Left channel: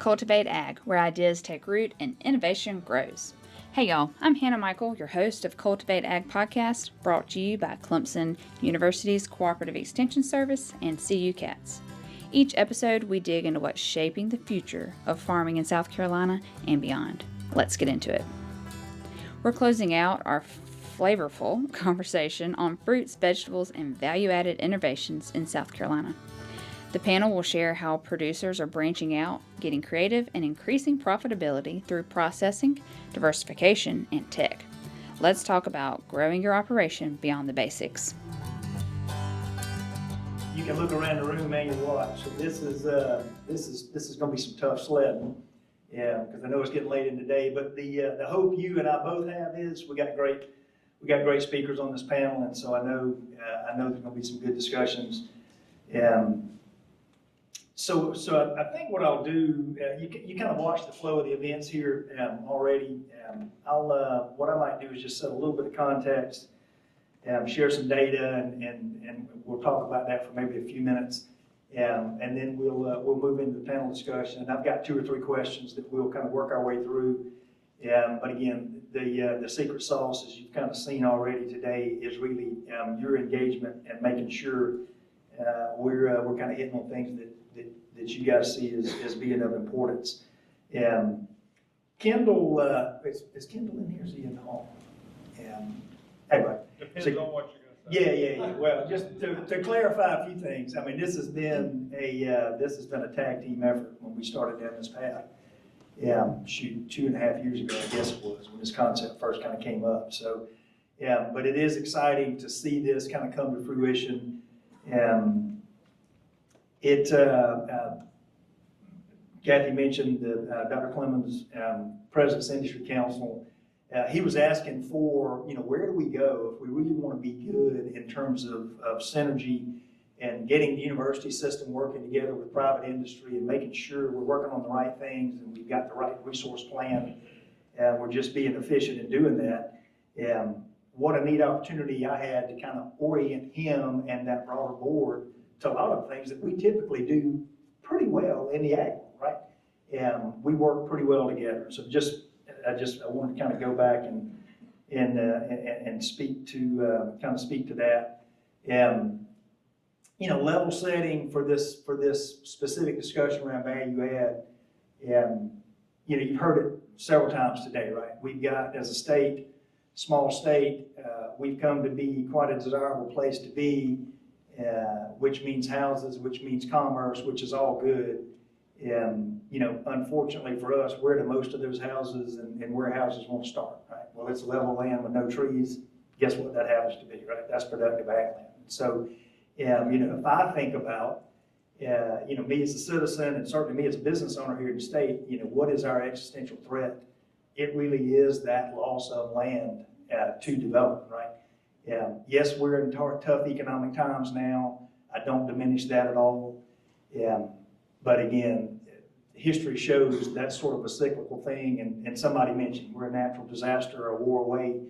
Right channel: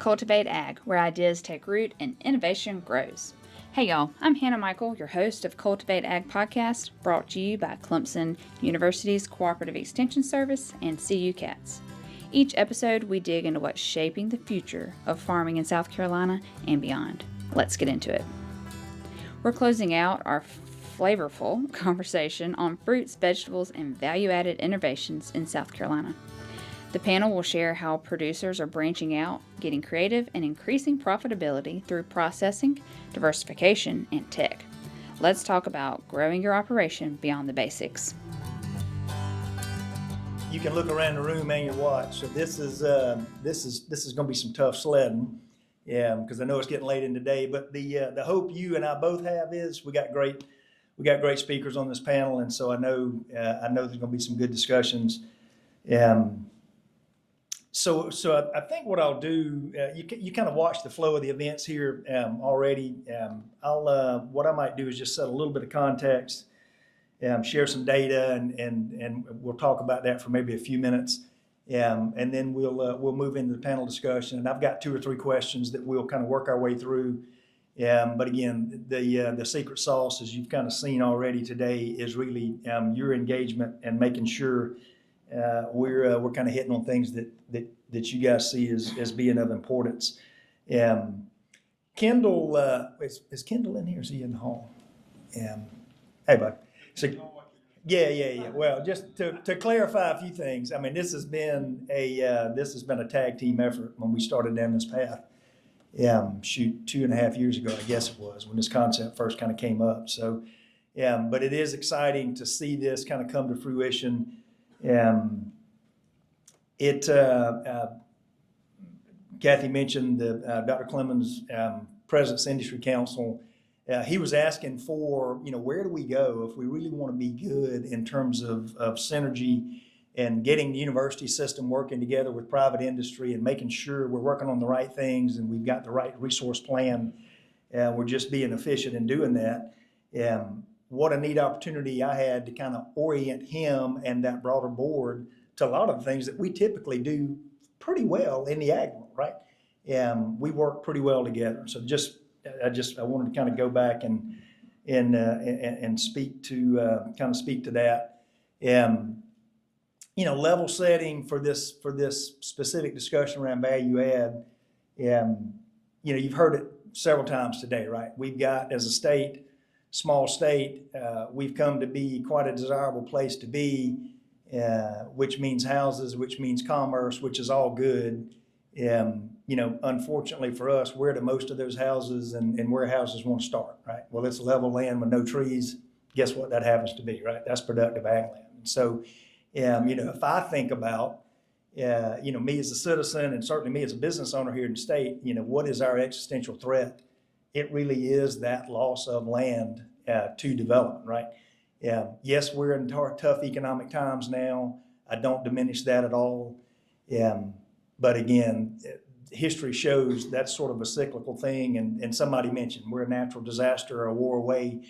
Cultivate Ag, where ideas take root and innovation grows. Hey y'all, I'm Hannah Michael, your host of Cultivate Ag Podcast, brought to you by Clemson University's Cooperative Extension Service and CU Cats. Each episode, we dig into what's shaping the future of farming in South Carolina and beyond. Let's get into it. We're closing out our flavorful conversation on fruits, vegetables, and value-added innovations in South Carolina. The panel will share how producers are branching out, getting creative, and increasing profitability through processing, diversification, and tech. Let's talk about growing your operation beyond the basics. You can look around the room and your watch. So this is going to be some tough sledding, yeah, because I know it's getting late in the day. But the hope you and I both have is we got great speakers on this panel, and so I know there's going to be some good discussions. So I think what I'll do, you kind of watch the flow of the events here already. What I might do is just set a little bit of context, share some data, and we'll talk about that for maybe a few minutes, and then we'll move into the panel discussion. And I've got 2 or 3 questions that we'll kind of work our way through. But again, the secret sauce, as you've kind of seen already today, is really your engagement and making sure we're kind of hitting on things that you guys see as being of importance. Kendall, is Kendall in here? Is he in the hall? Hey, bud. Depends on what you're going to say. Yeah. Well, just to clarify a few things. I mean, this has been a tag team effort when we started down this path. 2.5 years ago, I guess it was, when this concept first kind of came up. So, but it is exciting to see this kind of come to fruition. Kathy mentioned Dr. Clemens, President's Industry Council. He was asking for, where do we go if we really want to be good in terms of synergy and getting the university system working together with private industry and making sure we're working on the right things and we've got the right resource plan. We're just being efficient in doing that. What a neat opportunity I had to kind of orient him and that broader board to a lot of things that we typically do pretty well in the ag world, right? We work pretty well together. So I wanted to kind of go back and speak to that. Level setting for this specific discussion around value add. You've heard it several times today, right? We've got, as a state, small state, we've come to be quite a desirable place to be. Which means houses, which means commerce, which is all good. Unfortunately for us, where do most of those houses and warehouses want to start, right? Well, it's level land with no trees. Guess what that happens to be, right? That's productive ag land. So, if I think about, me as a citizen and certainly me as a business owner here in the state, what is our existential threat? It really is that loss of land to development, right? Yes, we're in tough economic times now. I don't diminish that at all. But again, history shows that's sort of a cyclical thing. And somebody mentioned we're a natural disaster or a war away,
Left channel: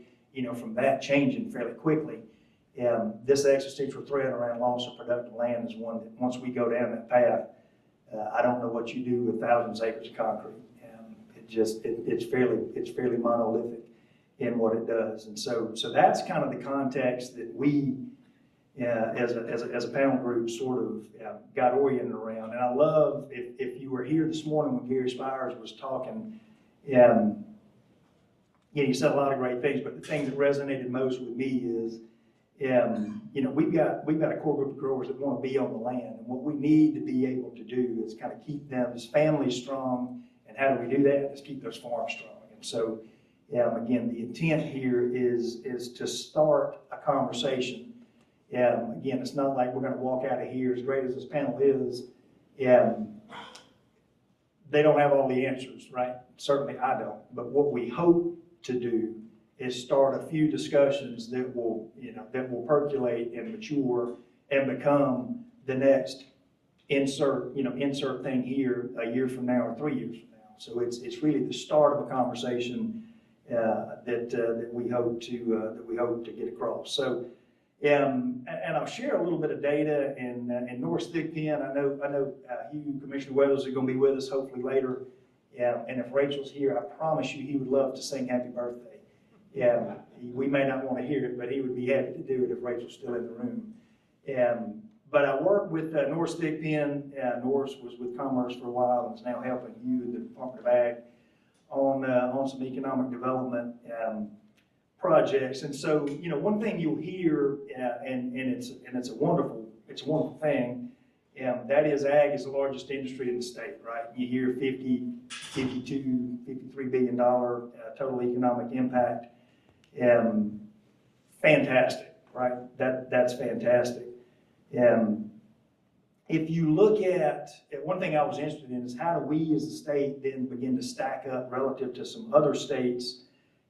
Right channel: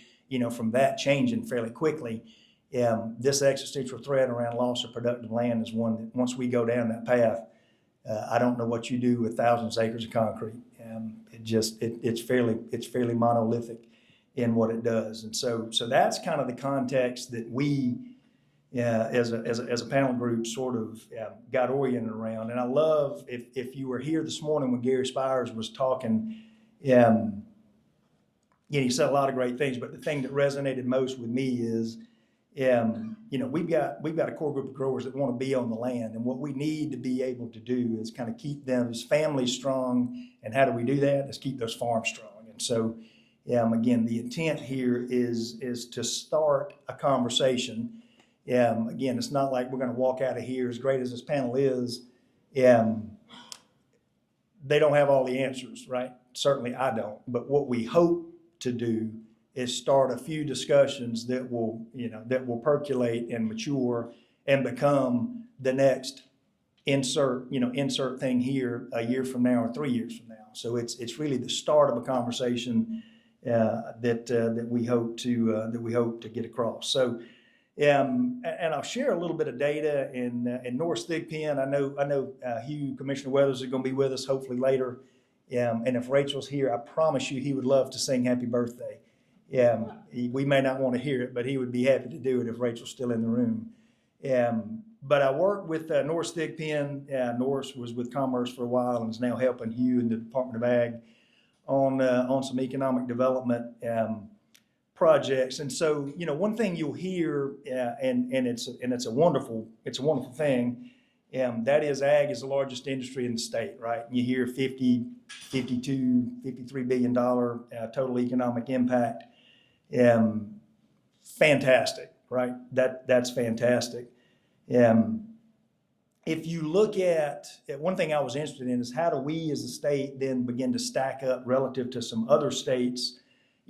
from that changing fairly quickly. This existential threat around loss of productive land is one that once we go down that path, I don't know what you do with thousands of acres of concrete. It's fairly monolithic in what it does. And so that's kind of the context that we, as a panel group, sort of got oriented around. And I love, if you were here this morning when Gary Spires was talking, he said a lot of great things, but the thing that resonated most with me is, we've got a core group of growers that want to be on the land, and what we need to be able to do is kind of keep them as families strong. And how do we do that? Is keep those farms strong. And so, again, the intent here is to start a conversation. Again, it's not like we're going to walk out of here, as great as this panel is. They don't have all the answers, right? Certainly I don't. But what we hope to do is start a few discussions that will percolate and mature and become the next insert thing here a year from now or 3 years from now. So it's really the start of a conversation that we hope to get across. So And I'll share a little bit of data in North Thigpen. I know Hugh, Commissioner Weathers, are going to be with us hopefully later. And if Rachel's here, I promise you he would love to sing happy birthday. We may not want to hear it, but he would be happy to do it if Rachel's still in the room. But I worked with North Thigpen. Norris was with Commerce for a while and is now helping Hugh in the Department of Ag on some economic development projects. And so, one thing you'll hear, and it's a wonderful thing, that is ag is the largest industry in the state, right? You hear 50, 52, $53 billion total economic impact. Fantastic, right? That's fantastic. If you look at one thing I was interested in is how do we as a state then begin to stack up relative to some other states,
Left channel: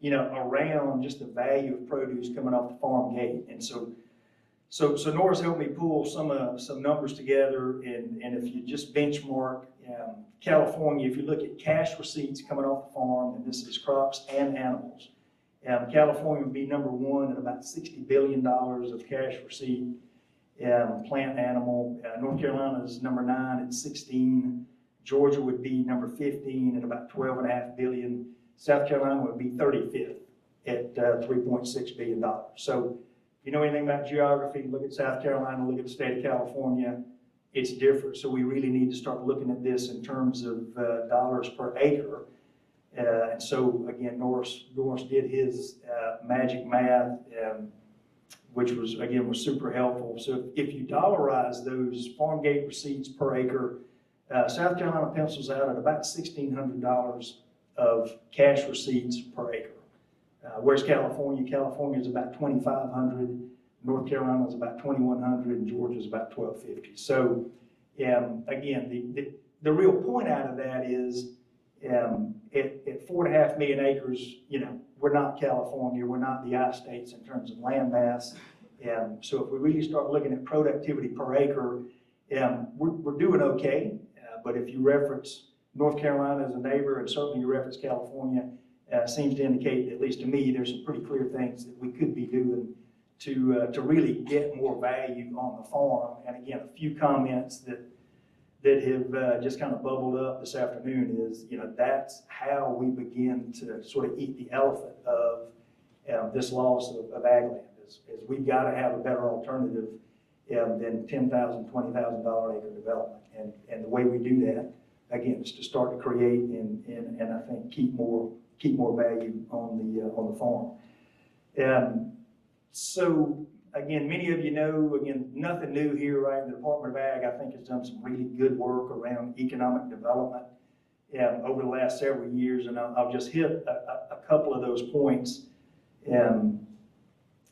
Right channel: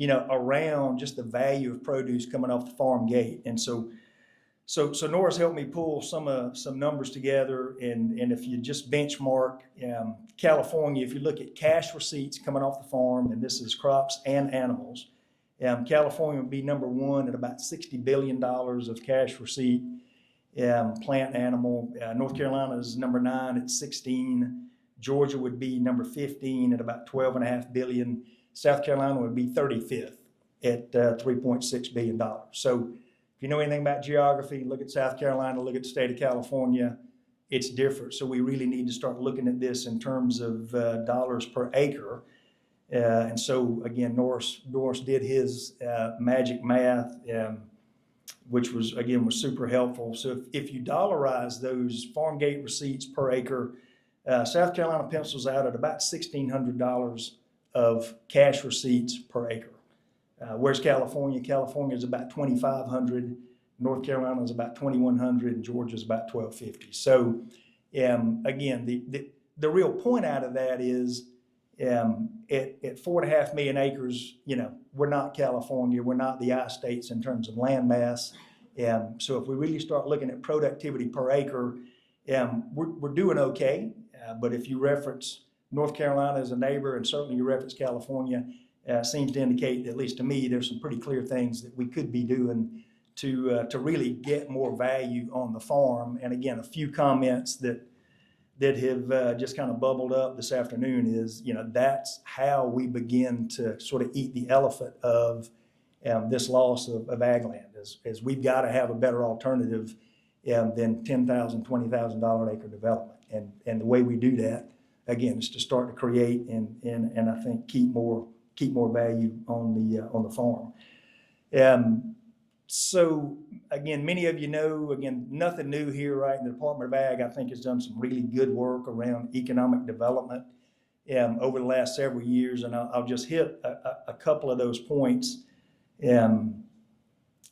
around just the value of produce coming off the farm gate. And so Norris helped me pull some numbers together, and if you just benchmark California, if you look at cash receipts coming off the farm, and this is crops and animals, California would be number one at about $60 billion of cash receipt, plant and animal. North Carolina is number 9 at 16. Georgia would be number 15 at about $12.5 billion. South Carolina would be 35th at $3.6 billion. So if you know anything about geography, look at South Carolina, look at the state of California, it's different. So we really need to start looking at this in terms of dollars per acre. And so again, Norris did his magic math, which was super helpful. So if you dollarize those farm gate receipts per acre, South Carolina pencils out at about $1,600 of cash receipts per acre. Where's California? California is about $2,500. North Carolina is about $2,100. And Georgia is about $1,250. So again, the real point out of that is at 4.5 million acres, we're not California, we're not the I-states in terms of land mass. So if we really start looking at productivity per acre, we're doing okay. But if you reference North Carolina as a neighbor, and certainly you reference California, seems to indicate, at least to me, there's some pretty clear things that we could be doing to really get more value on the farm. And again, a few comments that have just kind of bubbled up this afternoon is, that's how we begin to sort of eat the elephant of this loss of ag land, is we've got to have a better alternative than $10,000, $20,000 acre development. And the way we do that, again, is to start to create and I think keep more value on the farm. So again, many of you know, again, nothing new here, right? The Department of Ag, I think, has done some really good work around economic development over the last several years, and I'll just hit a couple of those points.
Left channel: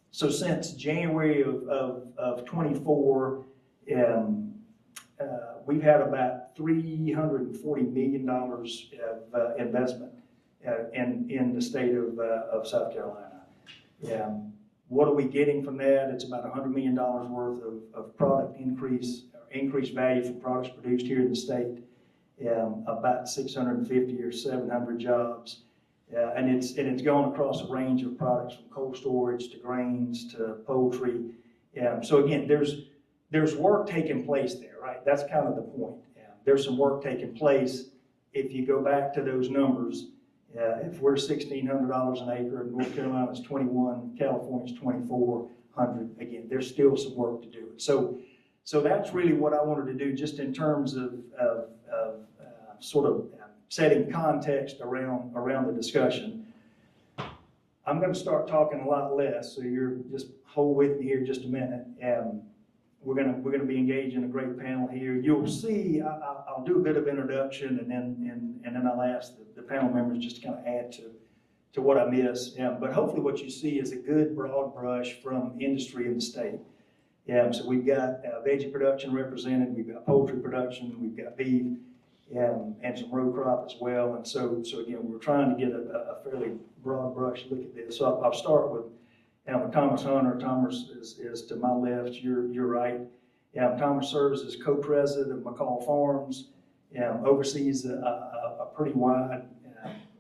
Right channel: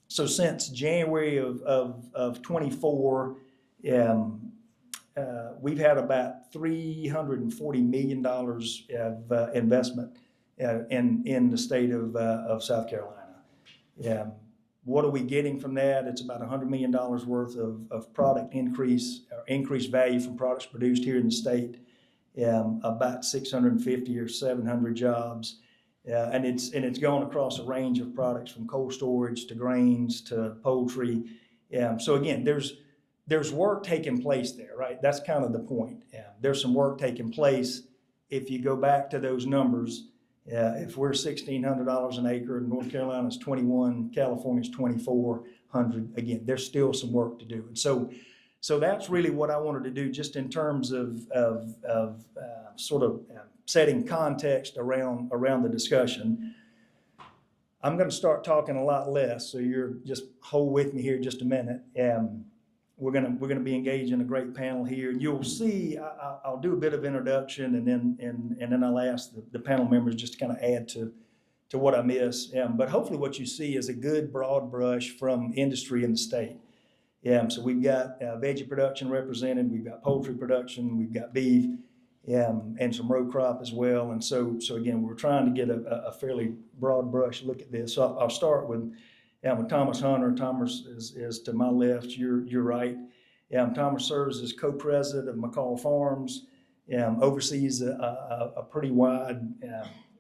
So since January of 24, we've had about $340 million of investment in the state of South Carolina. What are we getting from that? It's about $100 million worth of product increased value from products produced here in the state, about 650 or 700 jobs. And it's going across a range of products from cold storage to grains to poultry. So again, there's work taking place there, right? That's kind of the point. There's some work taking place. If you go back to those numbers, if we're $1,600 an acre, North Carolina's $2,100, California's $2,400. Again, there's still some work to do. So that's really what I wanted to do, just in terms of sort of setting context around the discussion. I'm going to start talking a lot less, so you're just hold with me here just a minute. We're gonna be engaged in a great panel here. You'll see I'll do a bit of introduction, and then I'll ask the panel members just to kind of add to what I miss. But hopefully what you see is a good broad brush from industry in the state. So we've got veggie production represented, we've got poultry production, we've got beef, and some row crop as well. And so again, we're trying to get a fairly broad brush look at this. So I'll start with Thomas Hunter. Thomas is to my left, you're right. Thomas serves as co-president of McCall Farms, oversees a pretty wide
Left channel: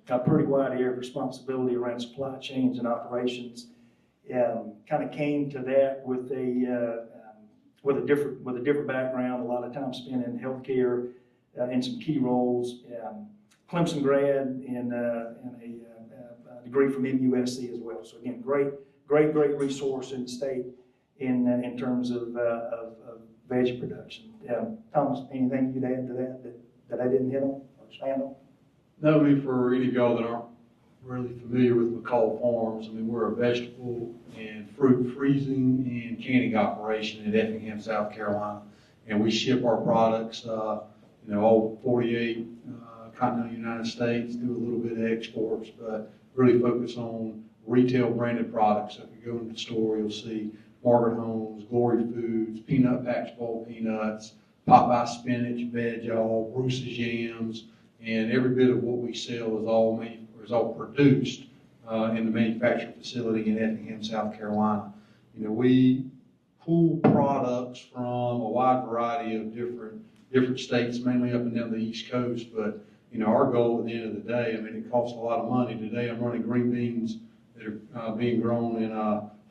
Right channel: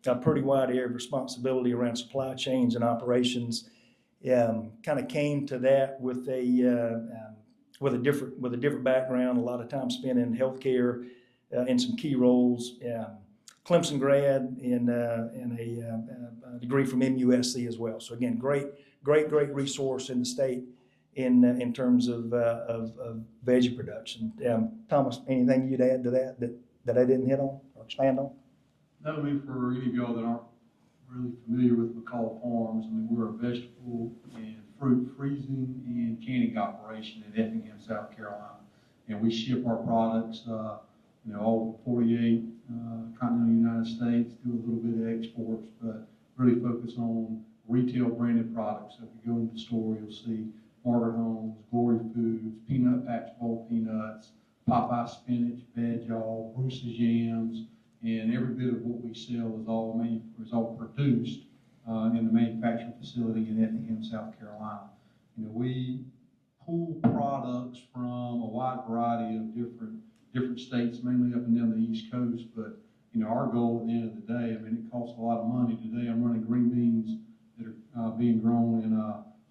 area of responsibility around supply chains and operations. kind of came to that with a different background. A lot of time spent in healthcare in some key roles. Clemson grad in a degree from MUSC as well. So again, great resource in the state in terms of veggie production. Thomas, anything you'd add to that I didn't hit on or expand on? No, I mean, for any of y'all that aren't really familiar with McCall Farms, I mean, we're a vegetable and fruit freezing and canning operation in Effingham, South Carolina. And we ship our products, all 48 continental United States, do a little bit of exports, but really focus on retail branded products. So if you go in the store, you'll see Margaret Homes, Glory Foods, Peanut Patch Bowl Peanuts, Popeye Spinach, Veg All, Bruce's Yams, and every bit of what we sell is all produced in the manufacturing facility in Effingham, South Carolina. We pull products from a wide variety of different states, mainly up and down the East Coast. But our goal at the end of the day, I mean, it costs a lot of money. Today, I'm running green beans that are being grown in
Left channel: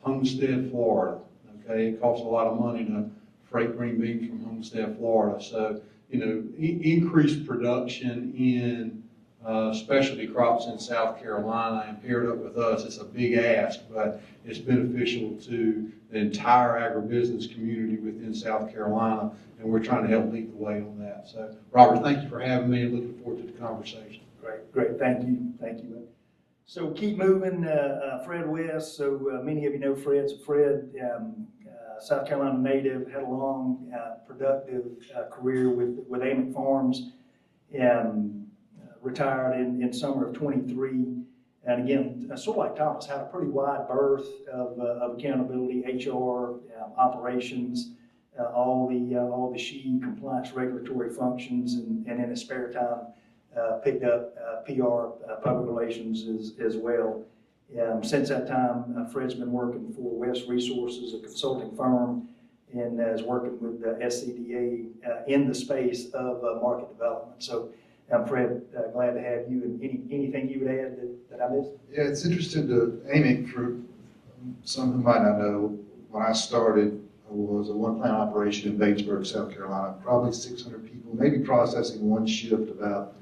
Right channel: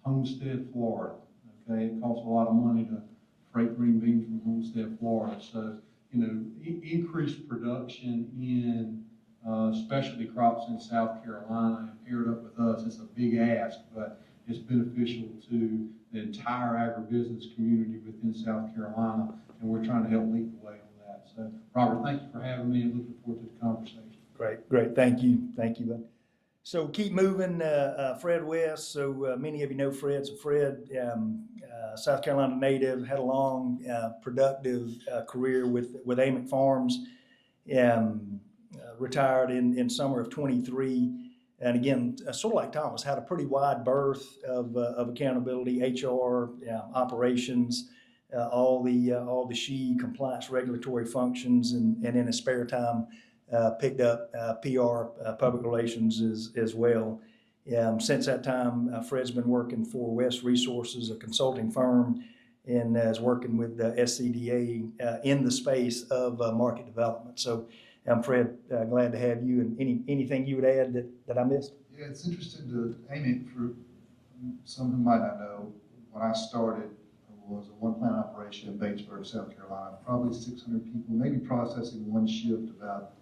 Homestead, Florida. Okay, it costs a lot of money to freight green beans from Homestead, Florida. So increased production in specialty crops in South Carolina and paired up with us, it's a big ask, but it's beneficial to the entire agribusiness community within South Carolina, and we're trying to help lead the way on that. So, Robert, thank you for having me and looking forward to the conversation. Great, thank you. So keep moving, Fred West. So many of you know Fred. So Fred, South Carolina native, had a long, productive career with Ament Farms. Retired in summer of 23. And again, sort of like Thomas, had a pretty wide berth of accountability, HR, operations, all the SHE compliance regulatory functions, and in his spare time, picked up PR, public relations as well. Since that time, Fred's been working for West Resources, a consulting firm, and is working with SCDA in the space of market development. So, Fred, glad to have you. And anything you would add that I missed? Yeah, it's interesting to aiming for some who might not know. When I started, I was a one-plant operation in Batesburg, South Carolina, probably 600 people, maybe processing one shift about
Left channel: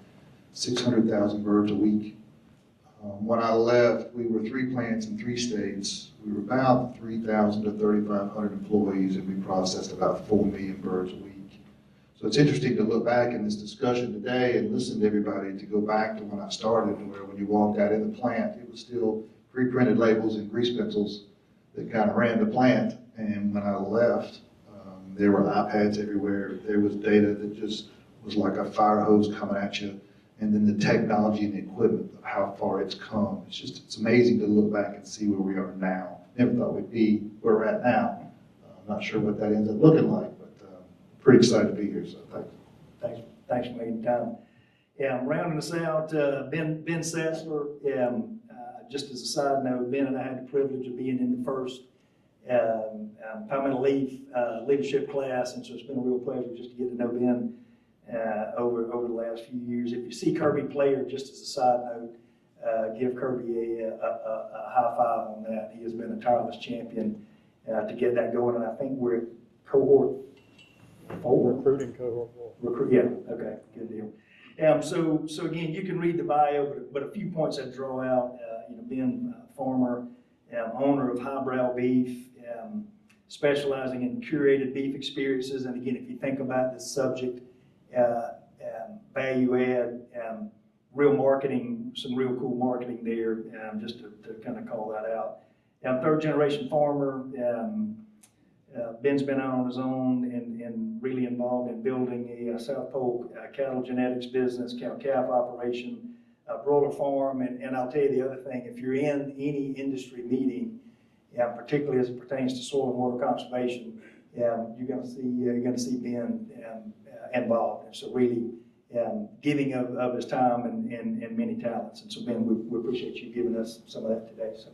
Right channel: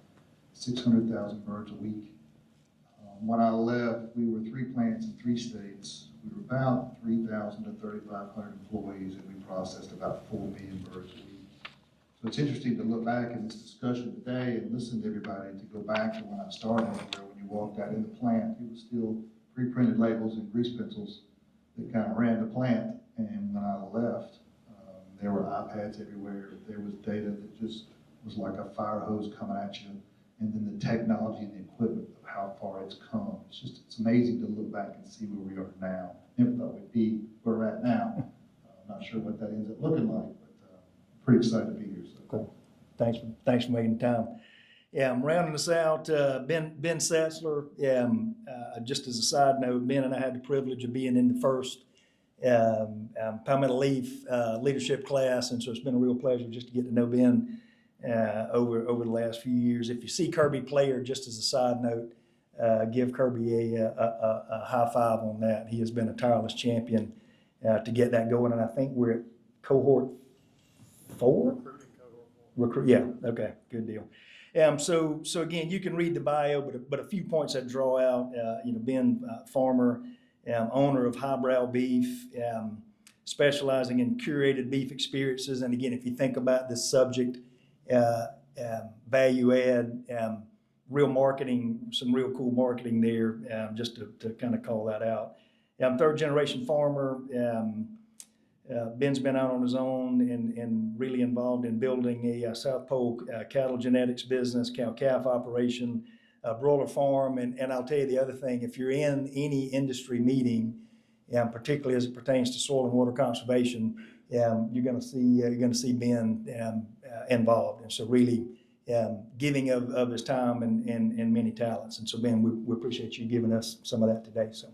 600,000 birds a week. When I left, we were 3 plants in 3 states. We were about 3,000 to 3,500 employees, and we processed about 4 million birds a week. So it's interesting to look back in this discussion today and listen to everybody to go back to when I started, where when you walked out in the plant, it was still pre-printed labels and grease pencils that kind of ran the plant. And when I left, there were iPads everywhere. There was data that just was like a fire hose coming at you. And then the technology and the equipment of how far it's come. It's amazing to look back and see where we are now. Never thought we'd be where we're at now. I'm not sure what that ends up looking like, but pretty excited to be here. So thanks for making time. Yeah, I'm rounding us out. Ben Satzler. Just as a side note, Ben and I had the privilege of being in the first Palmetto Leaf leadership class, and so it's been a real pleasure just to get to know Ben over the last few years. If you see Kirby Player, just as a side note, give Kirby a high five on that. He has been a tireless champion to get that going, and I think we're at cohort 4. Recruiting cohort 4. Yeah, okay, good deal. So again, you can read the bio, but a few points I'd draw out. Ben, farmer, owner of Highbrow Beef, specializing in curated beef experiences. And again, if you think about this subject, value add, real marketing, some real cool marketing there, just to kind of call that out. Third generation farmer. Ben's been out on his own and really involved in building a South Pole cattle genetics business, cow-calf operation, broiler farm. And I'll tell you the other thing, if you're in any industry meeting, particularly as it pertains to soil and water conservation, you're going to see Ben involved. And so really giving of his time and many talents. And so Ben, we appreciate you giving us some of that today. So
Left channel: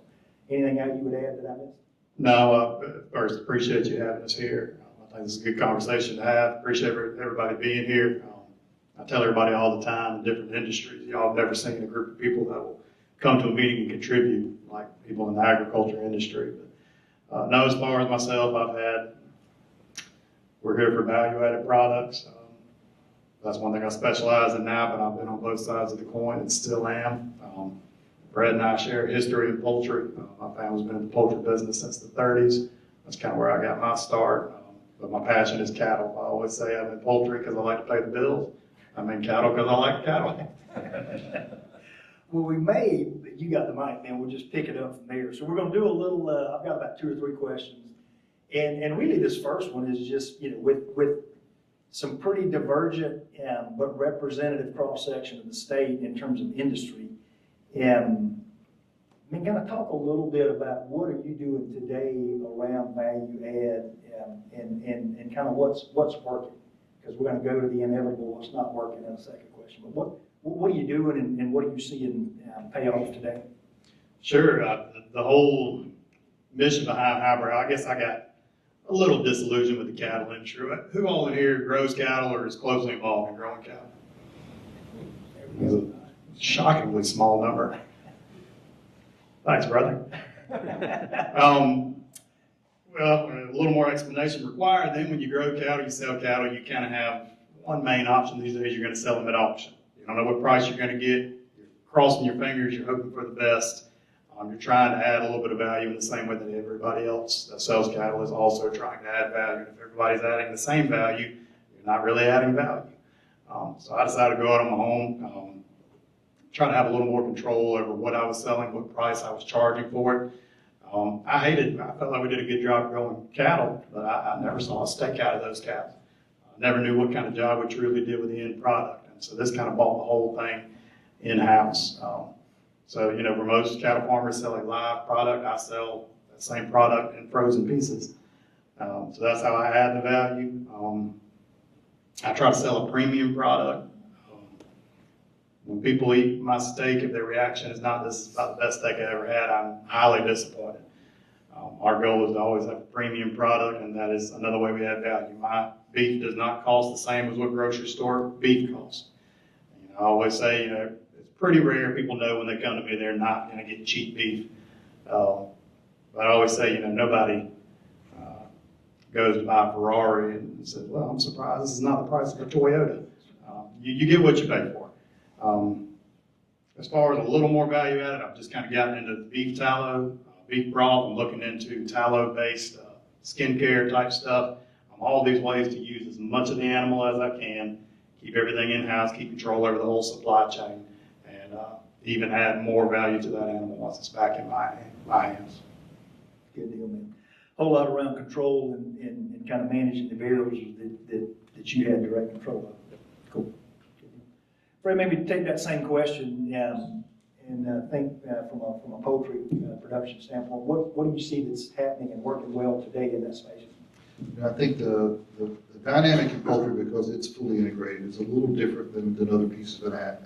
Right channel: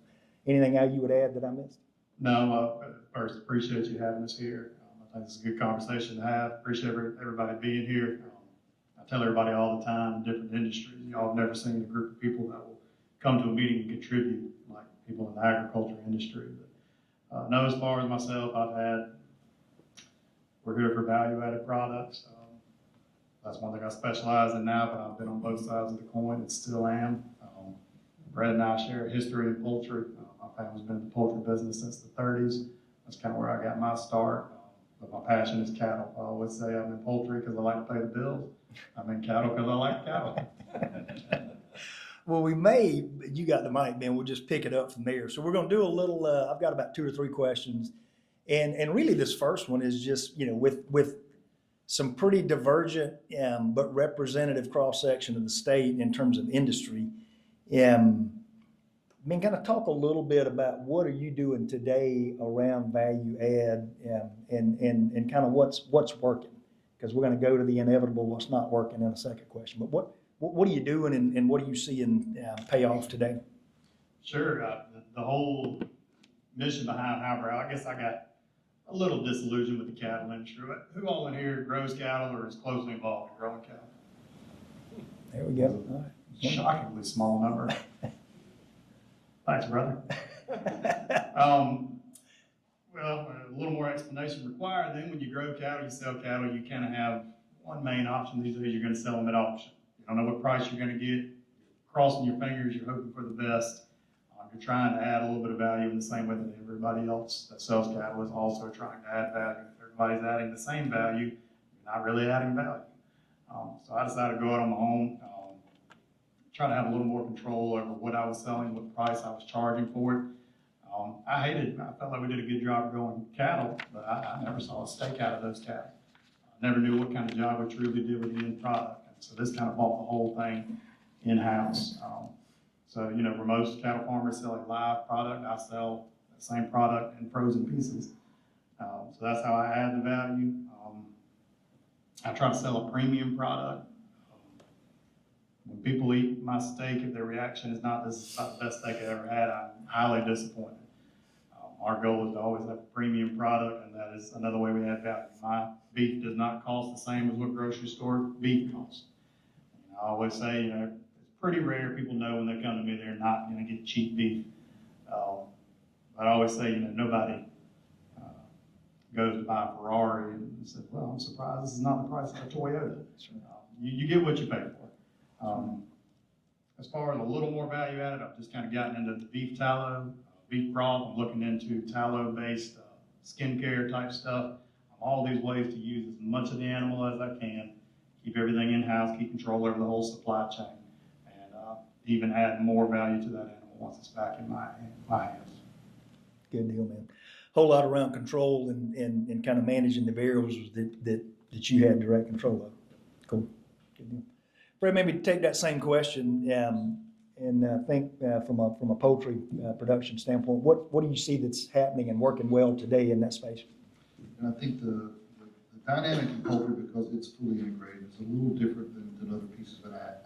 anything else you would add that I missed? No, first appreciate you having us here. I think this is a good conversation to have. Appreciate everybody being here. I tell everybody all the time in different industries, y'all have never seen a group of people that will come to a meeting and contribute like people in the agriculture industry. But no, as far as myself, we're here for value-added products. That's one thing I specialize in now, but I've been on both sides of the coin and still am. Brad and I share a history in poultry. My family's been in the poultry business since the 30s. That's kind of where I got my start. But my passion is cattle. I always say I'm in poultry because I like to pay the bills. I'm in cattle because I like cattle. Well, you got the mic, man, we'll just pick it up from there. So we're gonna do a little, I've got about 2 or 3 questions. And really this first one is just, with some pretty divergent but representative cross-section of the state in terms of industry. Can I talk a little bit about what are you doing today around value add and kind of what's working? Because we're going to go to the inevitable, what's not working in a second question. But what are you doing and what are you seeing pay off today? Sure. The whole mission behind hybrid, I guess I got a little disillusioned with the cattle industry. Who all in here grows cattle or is closely involved in growing cattle? There we go. Shockingly small number. Thanks, brother. Well, a little more explanation required. Then when you grow cattle, you sell cattle, you kind of have one main option these days, you're going to sell them at auction. You don't know what price you're going to get. You're crossing your fingers, you're hoping for the best. You're trying to add a little bit of value in the same way that everybody else that sells cattle is also trying to add value. If everybody's adding the same value, you're not really adding value. So I decided to go out on my own, try to have a little more control over what I was selling, what price I was charging for it. I felt like we did a good job growing cattle, but I never saw a steak out of those cattle. I never knew what kind of job we truly did with the end product. And so this kind of brought the whole thing in-house. So, where most cattle farmers sell a live product, I sell that same product in frozen pieces. So that's how I add the value. I try to sell a premium product. When people eat my steak, if their reaction is not, this is not the best steak I ever had, I'm highly disappointed. Our goal is to always have a premium product, and that is another way we add value. My beef does not cost the same as what grocery store beef costs. I always say, it's pretty rare people know when they come to me they're not going to get cheap beef. But I always say, nobody goes to buy a Ferrari and says, well, I'm surprised this is not the price of a Toyota. You get what you pay for. As far as a little more value added, I've just kind of gotten into beef tallow, beef broth. I'm looking into tallow-based skincare type stuff. All these ways to use as much of the animal as I can, keep everything in-house, keep control over the whole supply chain, and even add more value to that animal once it's back in my hands. Good deal, man. Whole lot around control and kind of managing the variables that you had direct control of. Cool. Brett, maybe take that same question and think from a poultry production standpoint. What do you see that's happening and working well today in that space? I think the dynamic in poultry, because it's fully integrated, is a little different than other pieces of ag.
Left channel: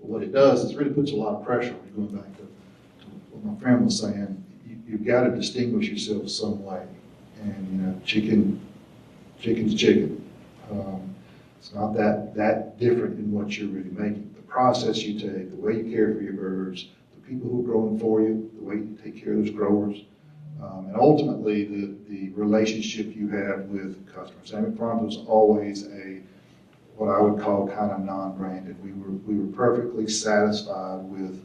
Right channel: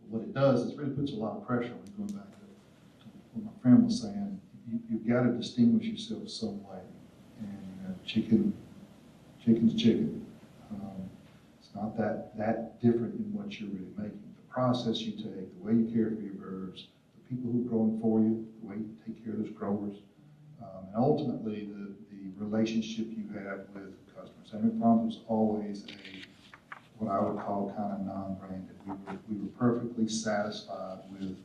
But what it does is really puts a lot of pressure on you. Going back to what my friend was saying, you've got to distinguish yourself some way. And chicken's chicken. It's not that different in what you're really making. The process you take, the way you care for your birds, the people who are growing for you, the way you take care of those growers, and ultimately the relationship you have with customers. Salmon Farms was always what I would call kind of non-branded. We were perfectly satisfied with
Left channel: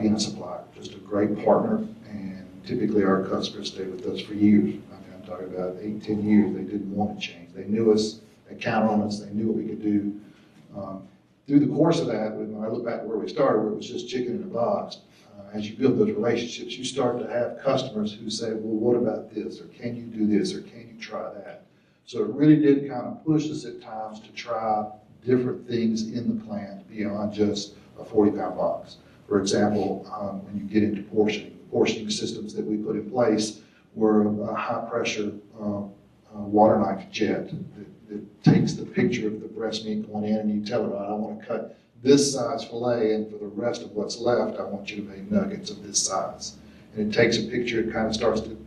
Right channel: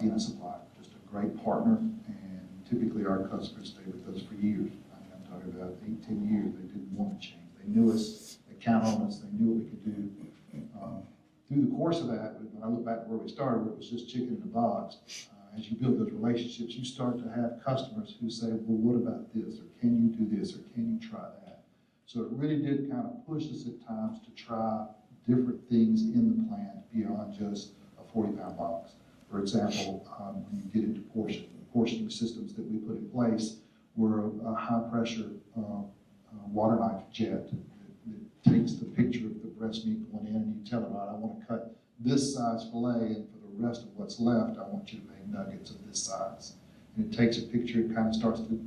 being a supplier, just a great partner, and typically our customers stay with us for years. I'm talking about 8-10 years. They didn't want to change. They knew us, they counted on us, they knew what we could do. Through the course of that, when I look back to where we started, where it was just chicken in a box, as you build those relationships, you start to have customers who say, well, what about this? Or can you do this? Or can you try that? So it really did kind of push us at times to try different things in the plant beyond just a 40-pound box. For example, when you get into portioning, the portioning systems that we put in place were a high-pressure water knife jet that takes the picture of the breast meat going in, and you tell it, I want to cut this size fillet, and for the rest of what's left, I want you to make nuggets of this size. And it takes a picture, it kind of starts to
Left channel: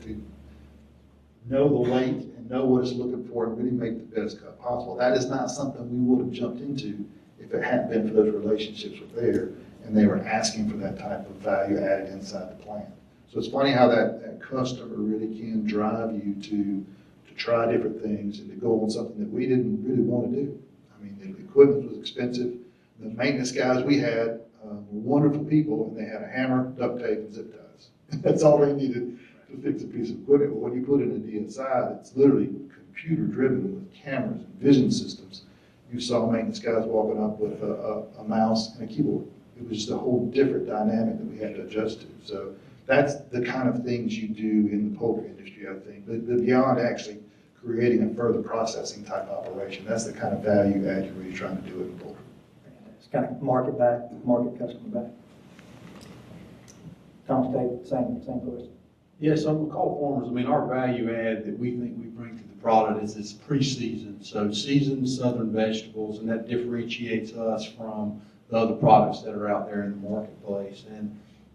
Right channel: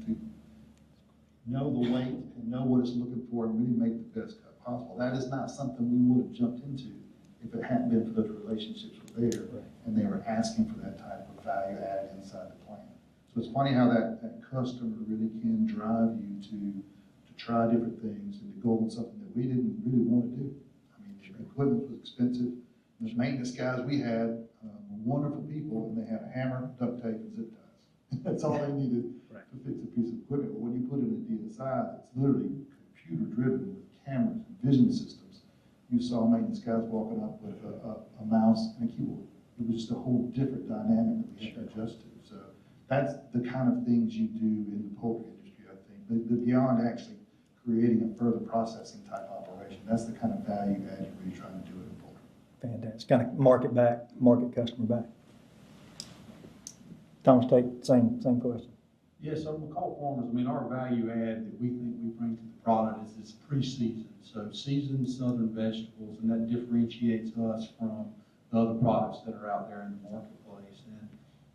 know the weight and know what it's looking for and really make the best cut possible. That is not something we would have jumped into if it hadn't been for those relationships were there. and they were asking for that type of value added inside the plant. So it's funny how that customer really can drive you to try different things and to go on something that we didn't really want to do. I mean, the equipment was expensive. Those maintenance guys we had were wonderful people, and they had a hammer, duct tape, and zip ties. That's all they needed to fix a piece of equipment. But when you put in a DSI that's literally computer driven with cameras and vision systems, you saw maintenance guys walking up with a mouse and a keyboard. It was just a whole different dynamic that we had to adjust to. So that's the kind of things you do in the poultry industry, I think. But beyond actually creating a further processing type operation, that's the kind of value add you're really trying to do in poultry. Fantastic. Kind of market customer back. Thomas, take same question. Yes, on McCall Farmers, I mean, our value add that we think we bring to the product is it's pre-seasoned. So seasoned southern vegetables, and that differentiates us from the other products that are out there in the marketplace. And,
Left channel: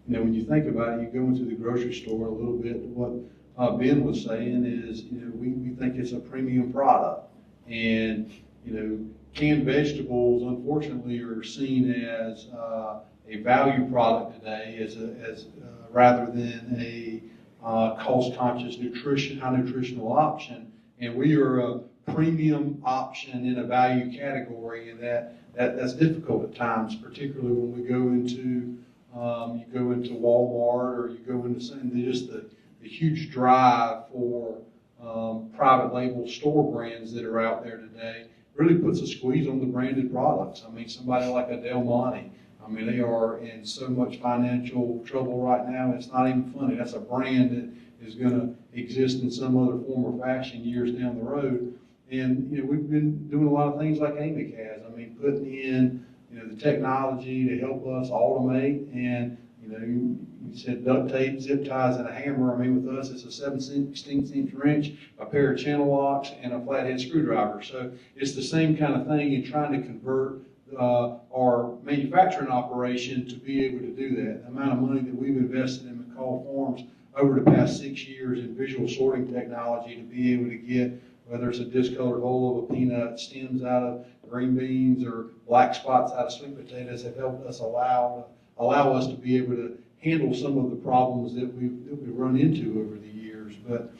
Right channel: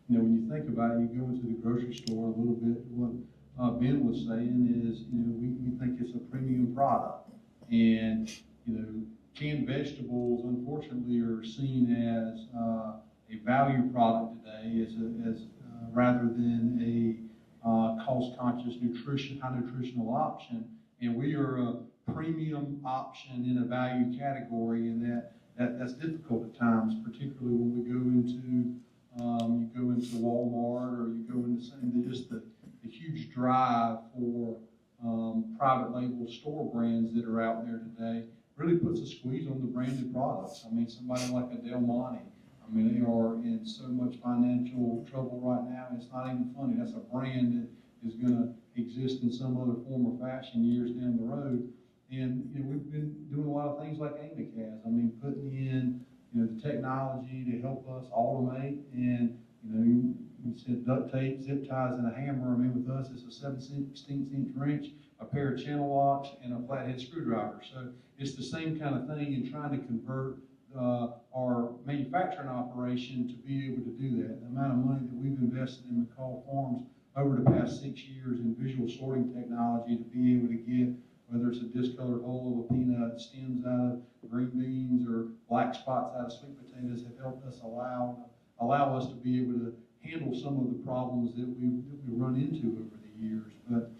you know, when you think about it, you go into the grocery store, a little bit what Ben was saying is, you know, we think it's a premium product. And, you know, canned vegetables, unfortunately, are seen as a value product today, as rather than a cost-conscious high nutritional option. And we are a premium option in a value category, and that's difficult at times, particularly when we go into you go into Walmart, or you go into just the huge drive for private label store brands that are out there today really puts a squeeze on the branded products. I mean, somebody like a Del Monte, I mean, they are in so much financial trouble right now, it's not even funny. That's a brand that is going to exist in some other form or fashion years down the road. And, you know, we've been doing a lot of things like AMIC has. I mean, putting in, you know, the technology to help us automate. And, you know, you said duct tape, zip ties, and a hammer. I mean, with us, it's a 7/16" wrench, a pair of channel locks, and a flathead screwdriver. So it's the same kind of thing in trying to convert our manufacturing operation to be able to do that. The amount of money that we've invested in McCall Farms over the past 6 years in visual sorting technology to be able to get, whether it's a discolored hole of a peanut, stems out of green beans, or black spots out of sweet potatoes, have helped us allow us to be able to handle some of the problems that we run into over the years. But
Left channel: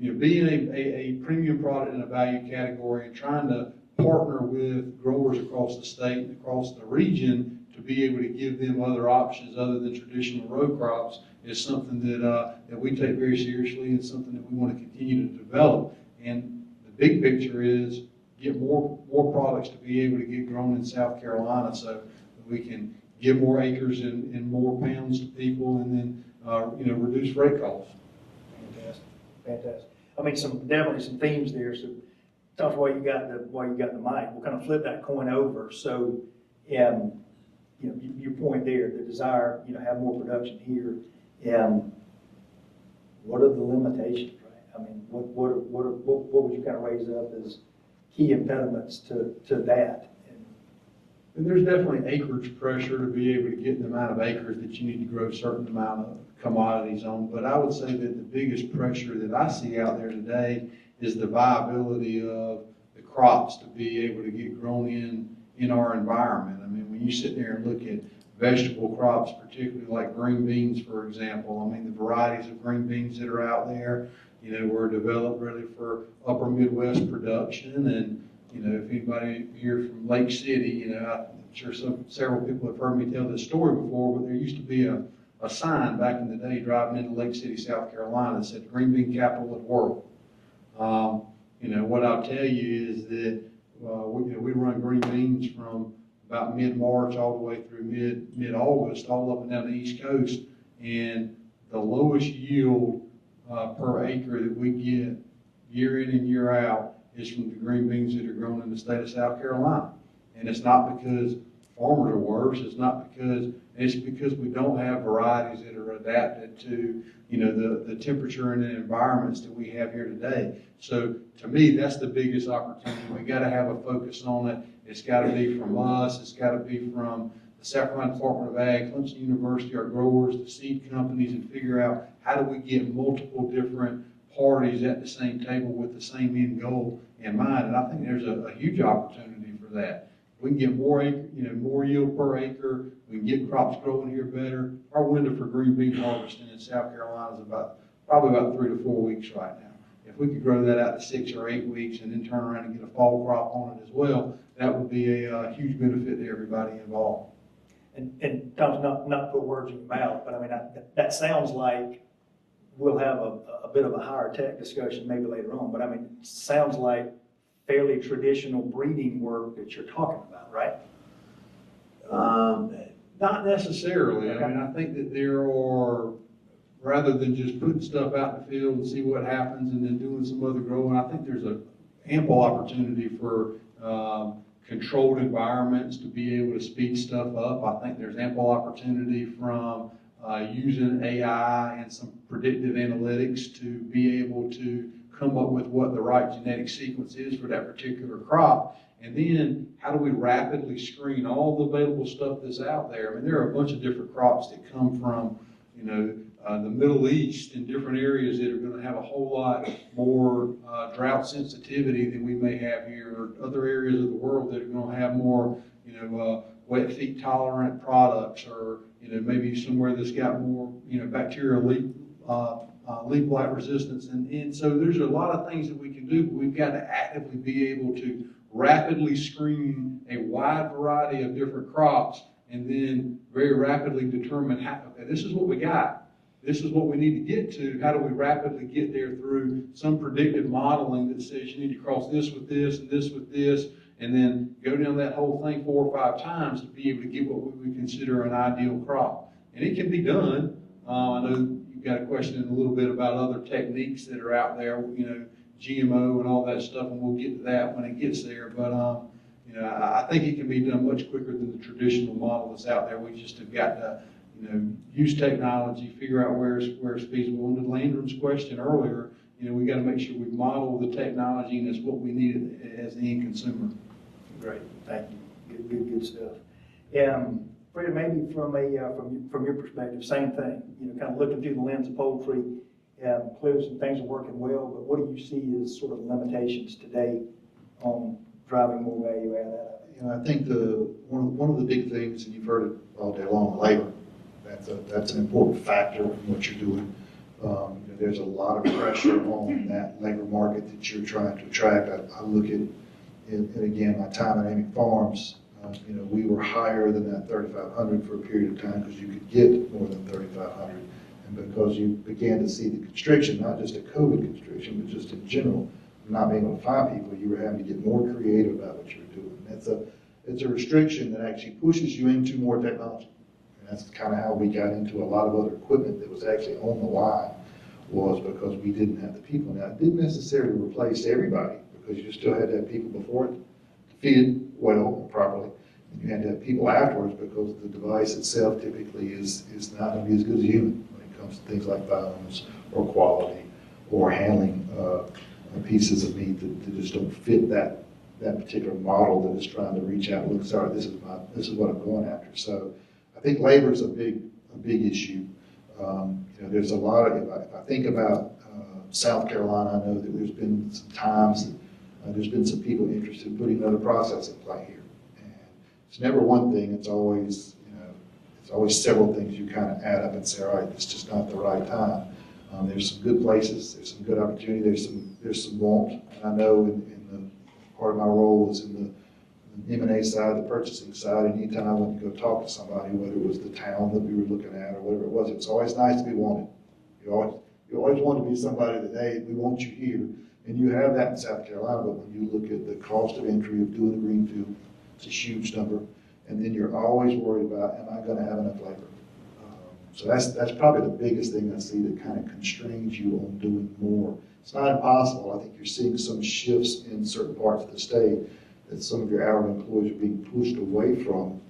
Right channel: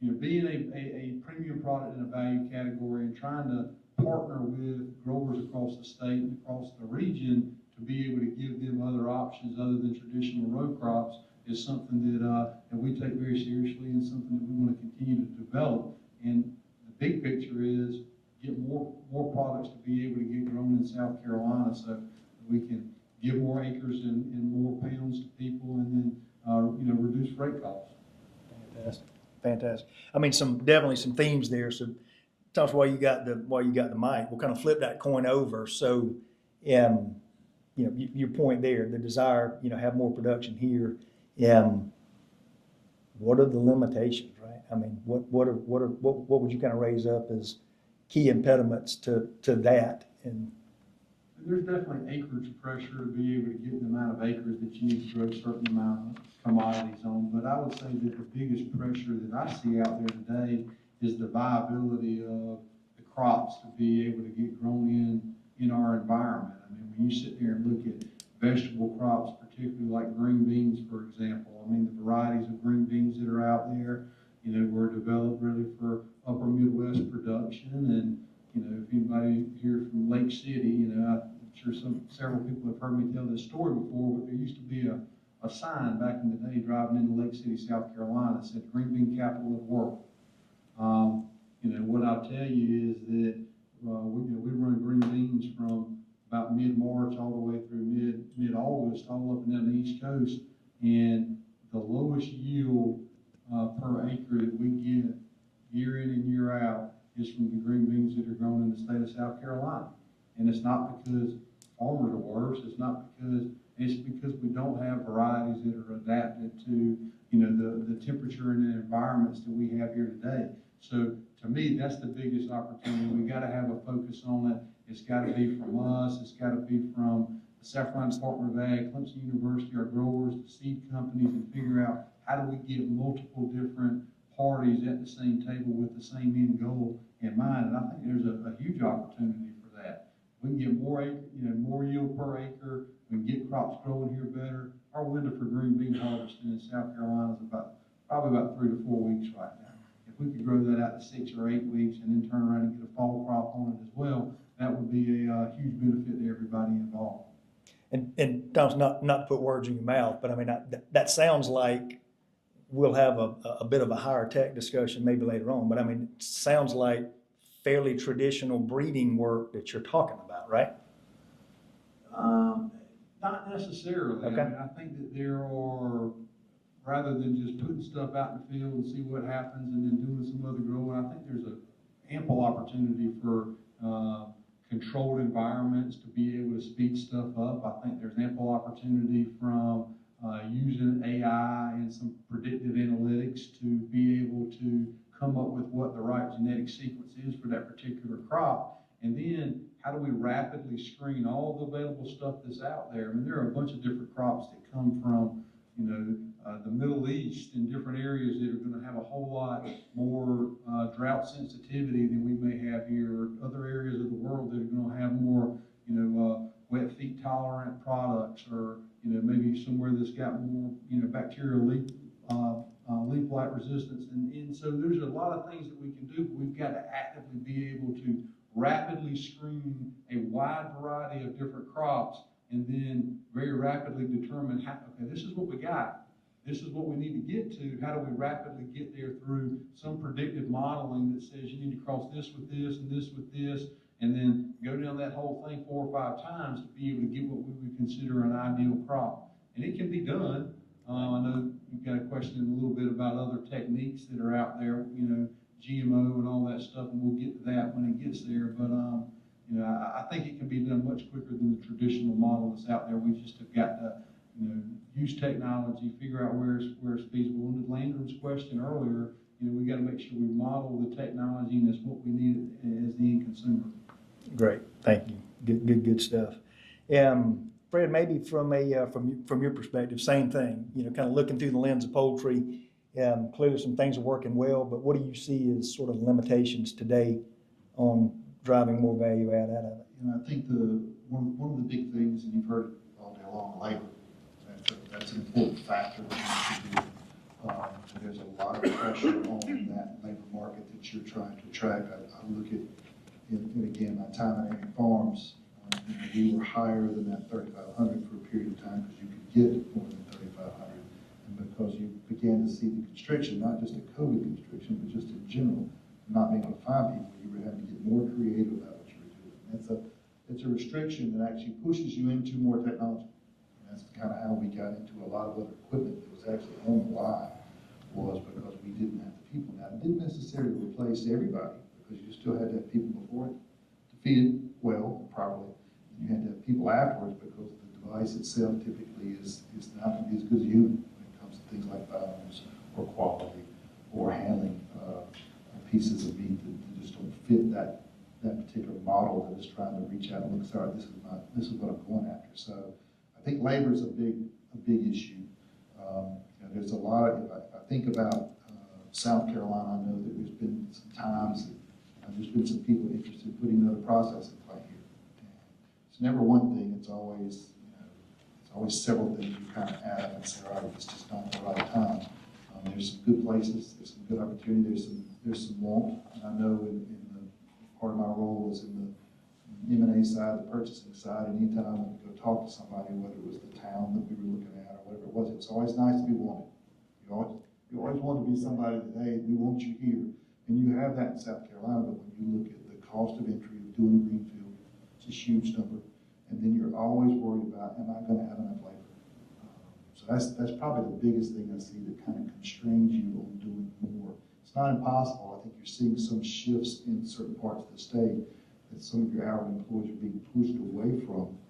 you know, being a premium product in a value category and trying to partner with growers across the state and across the region to be able to give them other options other than traditional row crops is something that we take very seriously, and something that we want to continue to develop. And the big picture is get more products to be able to get grown in South Carolina, so that we can give more acres and more pounds to people, and then you know, reduce freight costs. Fantastic. I mean, definitely some themes there. So tell us why you got the mic. We'll kind of flip that coin over. So, you know, your point there, the desire, you know, have more production here. What are the limitations, right? I mean, what would you kind of raise up as key impediments to that? And there's definitely acreage pressure to be able to get the amount of acres that you need to grow a certain amount of commodities on. But I would say that the biggest pressure that I see out there today is the viability of the crops to be able to get grown in our environment. I mean, when you sit there and look at vegetable crops, particularly like green beans, for example, I mean, the varieties of green beans that are out there, you know, were developed really for upper Midwest production. And, you know, if anybody here from Lake City, you know, I'm sure several people have heard me tell this story before, but there used to be a sign back in the day driving into Lake City, South Carolina, that said green bean capital of the world. You know, what I'll tell you is that we run green beans from about mid-March all the way through mid-August, all up and down the East Coast, and the lowest yield per acre that we get year in and year out is from the green beans that are grown in the state of South Carolina. And it's not because farmers are worse, it's because we don't have varieties that are adapted to, you know, the temperature and the environments that we have here today. So to me, that's the biggest opportunity. We got to have a focus on it. It's got to be from us. It's got to be from the South Carolina Department of Ag, Clemson University, our growers, the seed companies, and figure out how do we get multiple different parties at the same table with the same end goal in mind. And I think there's a huge opportunity for that. We can get more yield per acre we can get crops growing here better. Our window for green bean harvesting in South Carolina is probably about 3 to 4 weeks right now. If we could grow that out to 6 or 8 weeks and then turn around and get a fall crop on it as well, that would be a huge benefit to everybody involved. And Tom's not put words in your mouth, but I mean, that sounds like we'll have a bit of a higher tech discussion maybe later on, but I mean, it sounds like fairly traditional breeding work that you're talking about, right? Not necessarily. Okay. I mean, I think that there are, rather than just putting stuff out in the field and see what happens and then doing some other growing, I think there's an ample opportunity for controlled environments to be able to speed stuff up. I think there's ample opportunity from using AI and some predictive analytics to be able to come up with what the right genetic sequence is for that particular crop. And then how do we rapidly screen all the available stuff that's out there? I mean, there are a bunch of different crops that come from, the Middle East and different areas that are going to have a whole lot more drought sensitivity than we may have here, or other areas of the world that are going to have more, wet feet tolerant products, or, maybe somewhere that's got more, bacterial leaf blight resistance. And so there's a lot of things that we can do, but we've got to actively be able to rapidly screen a wide variety of different crops and then very rapidly determine how, okay, this is what we got. This is what we need to get to. How do we rapidly get there through some predictive modeling that says you need to cross this with this and this with this, and then go down that whole thing 4 or 5 times to be able to get what we would consider an ideal crop. And it can be done. I know you've got a question a little bit about other techniques that are out there, GMO and all that stuff, and we'll get to that when it gets there. But, I think it can be done much quicker than the traditional model that's out there. We just have got to, use technology, figure out where it's feasible. And to Landon's question earlier, we got to make sure we model the technology and it's what we need as the end consumer. Great, thank you. Good stuff. Fred, maybe from your perspective, same thing. Kind of looking through the lens of poultry. Clearly some things are working well, but what do you see as sort of limitations today on driving more value out of it? I think one of the big things, and you've heard it all day long, labor. That's an important factor in what you're doing. There's a lot of pressure on that labor market that you're trying to attract. I look at, and again, my time at Amy Farms, we were higher than that 3,500 for a period of time because you could get more than 3,500. And because you began to see the constriction, not just a COVID constriction, but just in general, not being able to find people, you were having to get more creative about what you were doing. It's a restriction that actually pushes you into more technology. And that's kind of how we got into a lot of other equipment that was actually on the line, was because we didn't have the people. Now, it didn't necessarily replace everybody, because you still had to have people before it to feed it well and properly. And you had to have people afterwards, because the device itself typically is not going to be as good as a human when it comes to things like violence or quality or handling pieces of meat that just don't fit that particular model that is trying to reach out and look, sorry, this is what I'm going after. So I think labor is a big issue. There's a lot of, if I think about South Carolina, I know that there's been some times that there's been some people interested in putting another processing plant here. And it's never one thing, it's always several things you kind of add up and say, all right, it's just not the right time. There's some good places, there's some good opportunity, there's some want. And I know in the part of my role was in the M&A side, the purchasing side. Anytime I went to go talk to somebody, whether it was the town that we were looking at or whatever it was always nice to be wanted. You always want to be somebody that, hey, we want you here. And you have that in South Carolina, but when you look at the cost of entry of doing a greenfield, it's a huge number. And then you're always worried about, am I going to have enough labor? So that's probably the biggest thing I see that kind of constrains you on doing more. It's not impossible. I think you're seeing some shifts in certain parts of the state that some of your hourly employees are being pushed away from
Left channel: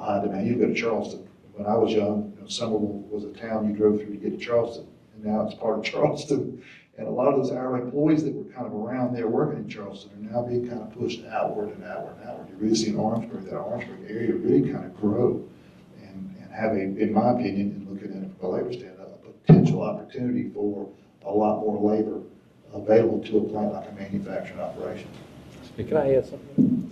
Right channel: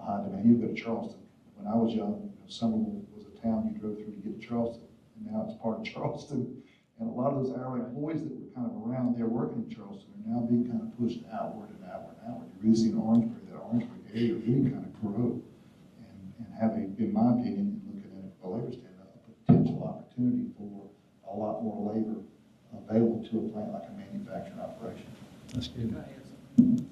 high demand. You go to Charleston. When I was young, Somerville was a town you drove through to get to Charleston, and now it's part of Charleston. And a lot of those hourly employees that were kind of around there working in Charleston are now being kind of pushed outward and outward and outward. You really see in Orangeburg, that Orangeburg area really kind of grow and have in my opinion, and looking at it from a labor standpoint, a potential opportunity for a lot more labor available to a plant like a manufacturing operation. Can I add something?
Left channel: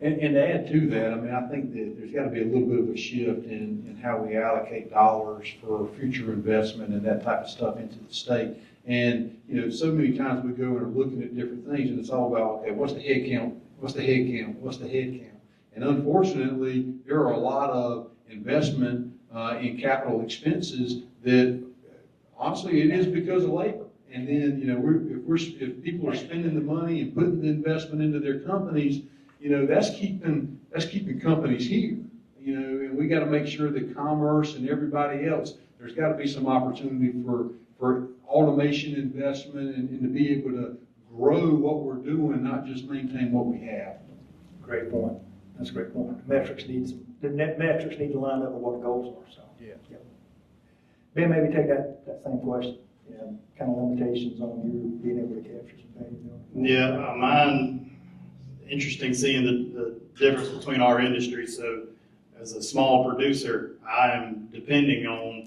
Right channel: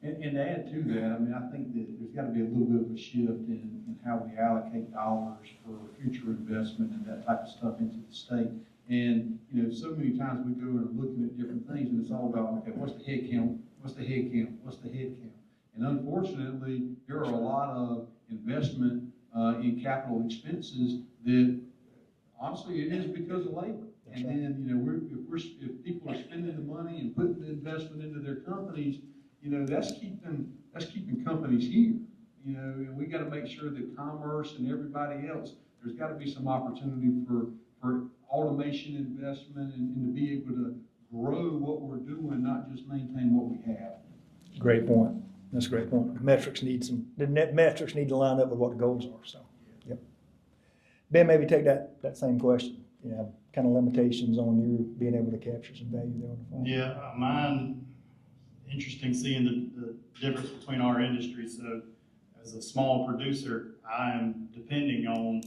And to add to that, I mean, I think that there's got to be a little bit of a shift in how we allocate dollars for future investment and that type of stuff into the state. And, you know, so many times we go and are looking at different things, and it's all about, okay, what's the head count? What's the head count? What's the head count? And unfortunately, there are a lot of investment in capital expenses that, honestly, it is because of labor. And then, you know, if people are spending the money and putting the investment into their companies, you know, that's keeping companies here, you know, and we got to make sure that commerce and everybody else, there's got to be some opportunity for automation investment and to be able to grow what we're doing, not just maintain what we have. Great point. That's a great point. The net metrics need to line up with what the goals are, so. Yeah. Ben, maybe take that same question. Yeah, kind of limitations on you being able to capture some value there. Yeah, mine, interesting seeing the difference between our industry. So as a small producer, I am depending on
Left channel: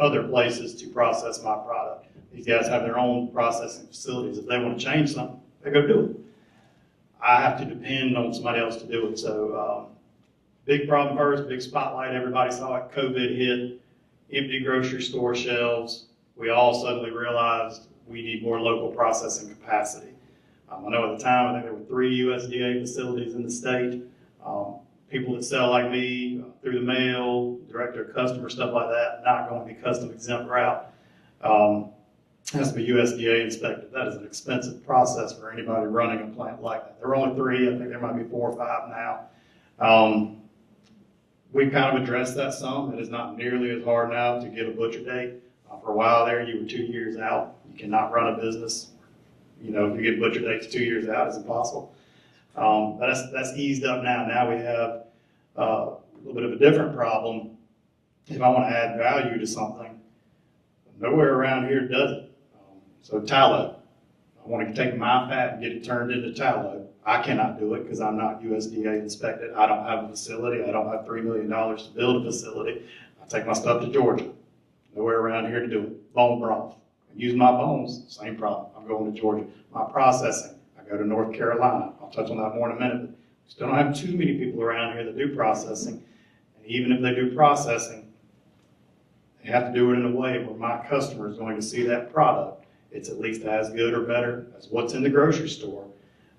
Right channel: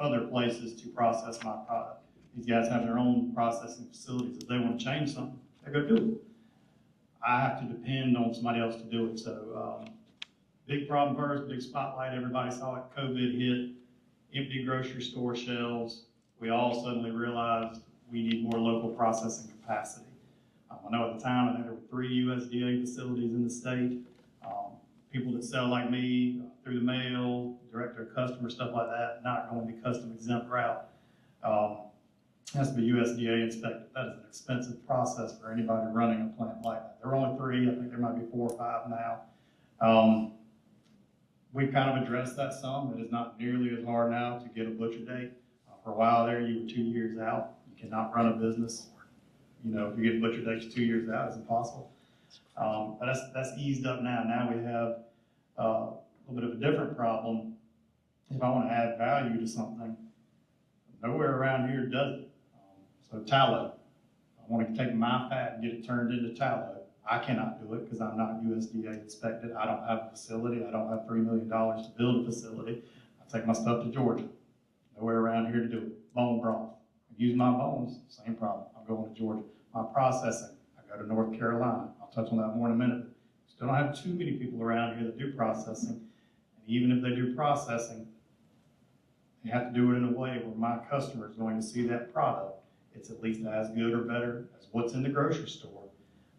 other places to process my product. These guys have their own processing facilities. If they want to change something, they go do it. I have to depend on somebody else to do it. So big problem first, big spotlight. Everybody saw it. COVID hit, empty grocery store shelves. We all suddenly realized we need more local processing capacity. I know at the time, I think there were 3 USDA facilities in the state. People that sell like me through the mail, direct to customer, stuff like that, not going the custom exempt route. Has to be USDA inspected. That is an expensive process for anybody running a plant like that. There are only 3. I think there might be 4 or 5 now. We kind of addressed that some. It is not nearly as hard now to get a butcher date. For a while there, you were 2 years out. You cannot run a business. You know, if you get butcher dates 2 years out, it's impossible. But that's eased up now. Now we have a little bit of a different problem. If I want to add value to something, nowhere around here does it. So tallow, I want to take my fat and get it turned into tallow. I cannot do it because I'm not USDA inspected. I don't have a facility. I don't have $3 million to build a facility. I take my stuff to Georgia. Nowhere around here to do it. Bone broth. I use my bones, same problem. I'm going to Georgia. My processing, I go to North Carolina. I'll touch on that more in a minute, but we still don't have too many people around here that do processing. And even if they do processing, they have to do it in a way where my customer is going to see that product. It's at least as good or better as what's in the grocery store.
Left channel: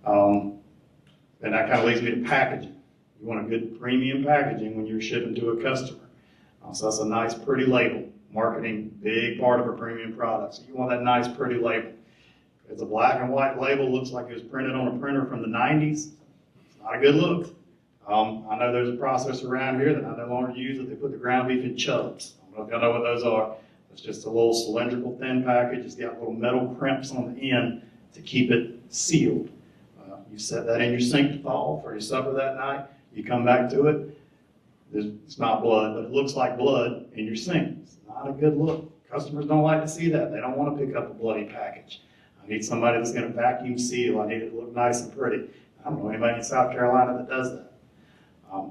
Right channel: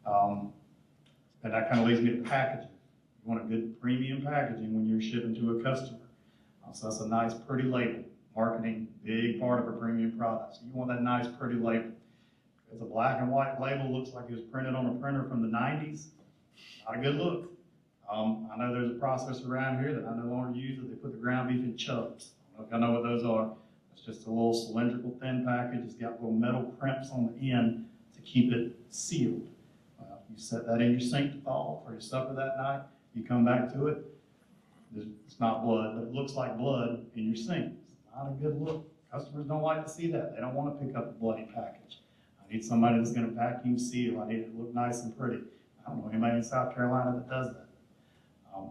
And that kind of leads me to packaging. You want a good premium packaging when you're shipping to a customer. So that's a nice, pretty label. Marketing, big part of a premium product. So you want that nice, pretty label. If it's a black and white label, looks like it was printed on a printer from the 90s, not a good look. I know there's a process around here that I no longer use that they put the ground beef in chubs. I don't know if y'all know what those are. It's just a little cylindrical thin package. It's got little metal crimps on the end to keep it sealed. You set that in your sink to thaw for your supper that night. You come back to it. It's not blood, but it looks like blood in your sink. It's not a good look. Customers don't like to see that. They don't want to pick up a bloody package. I need somebody that's going to vacuum seal. I need it to look nice and pretty. I don't know anybody in South Carolina that does that.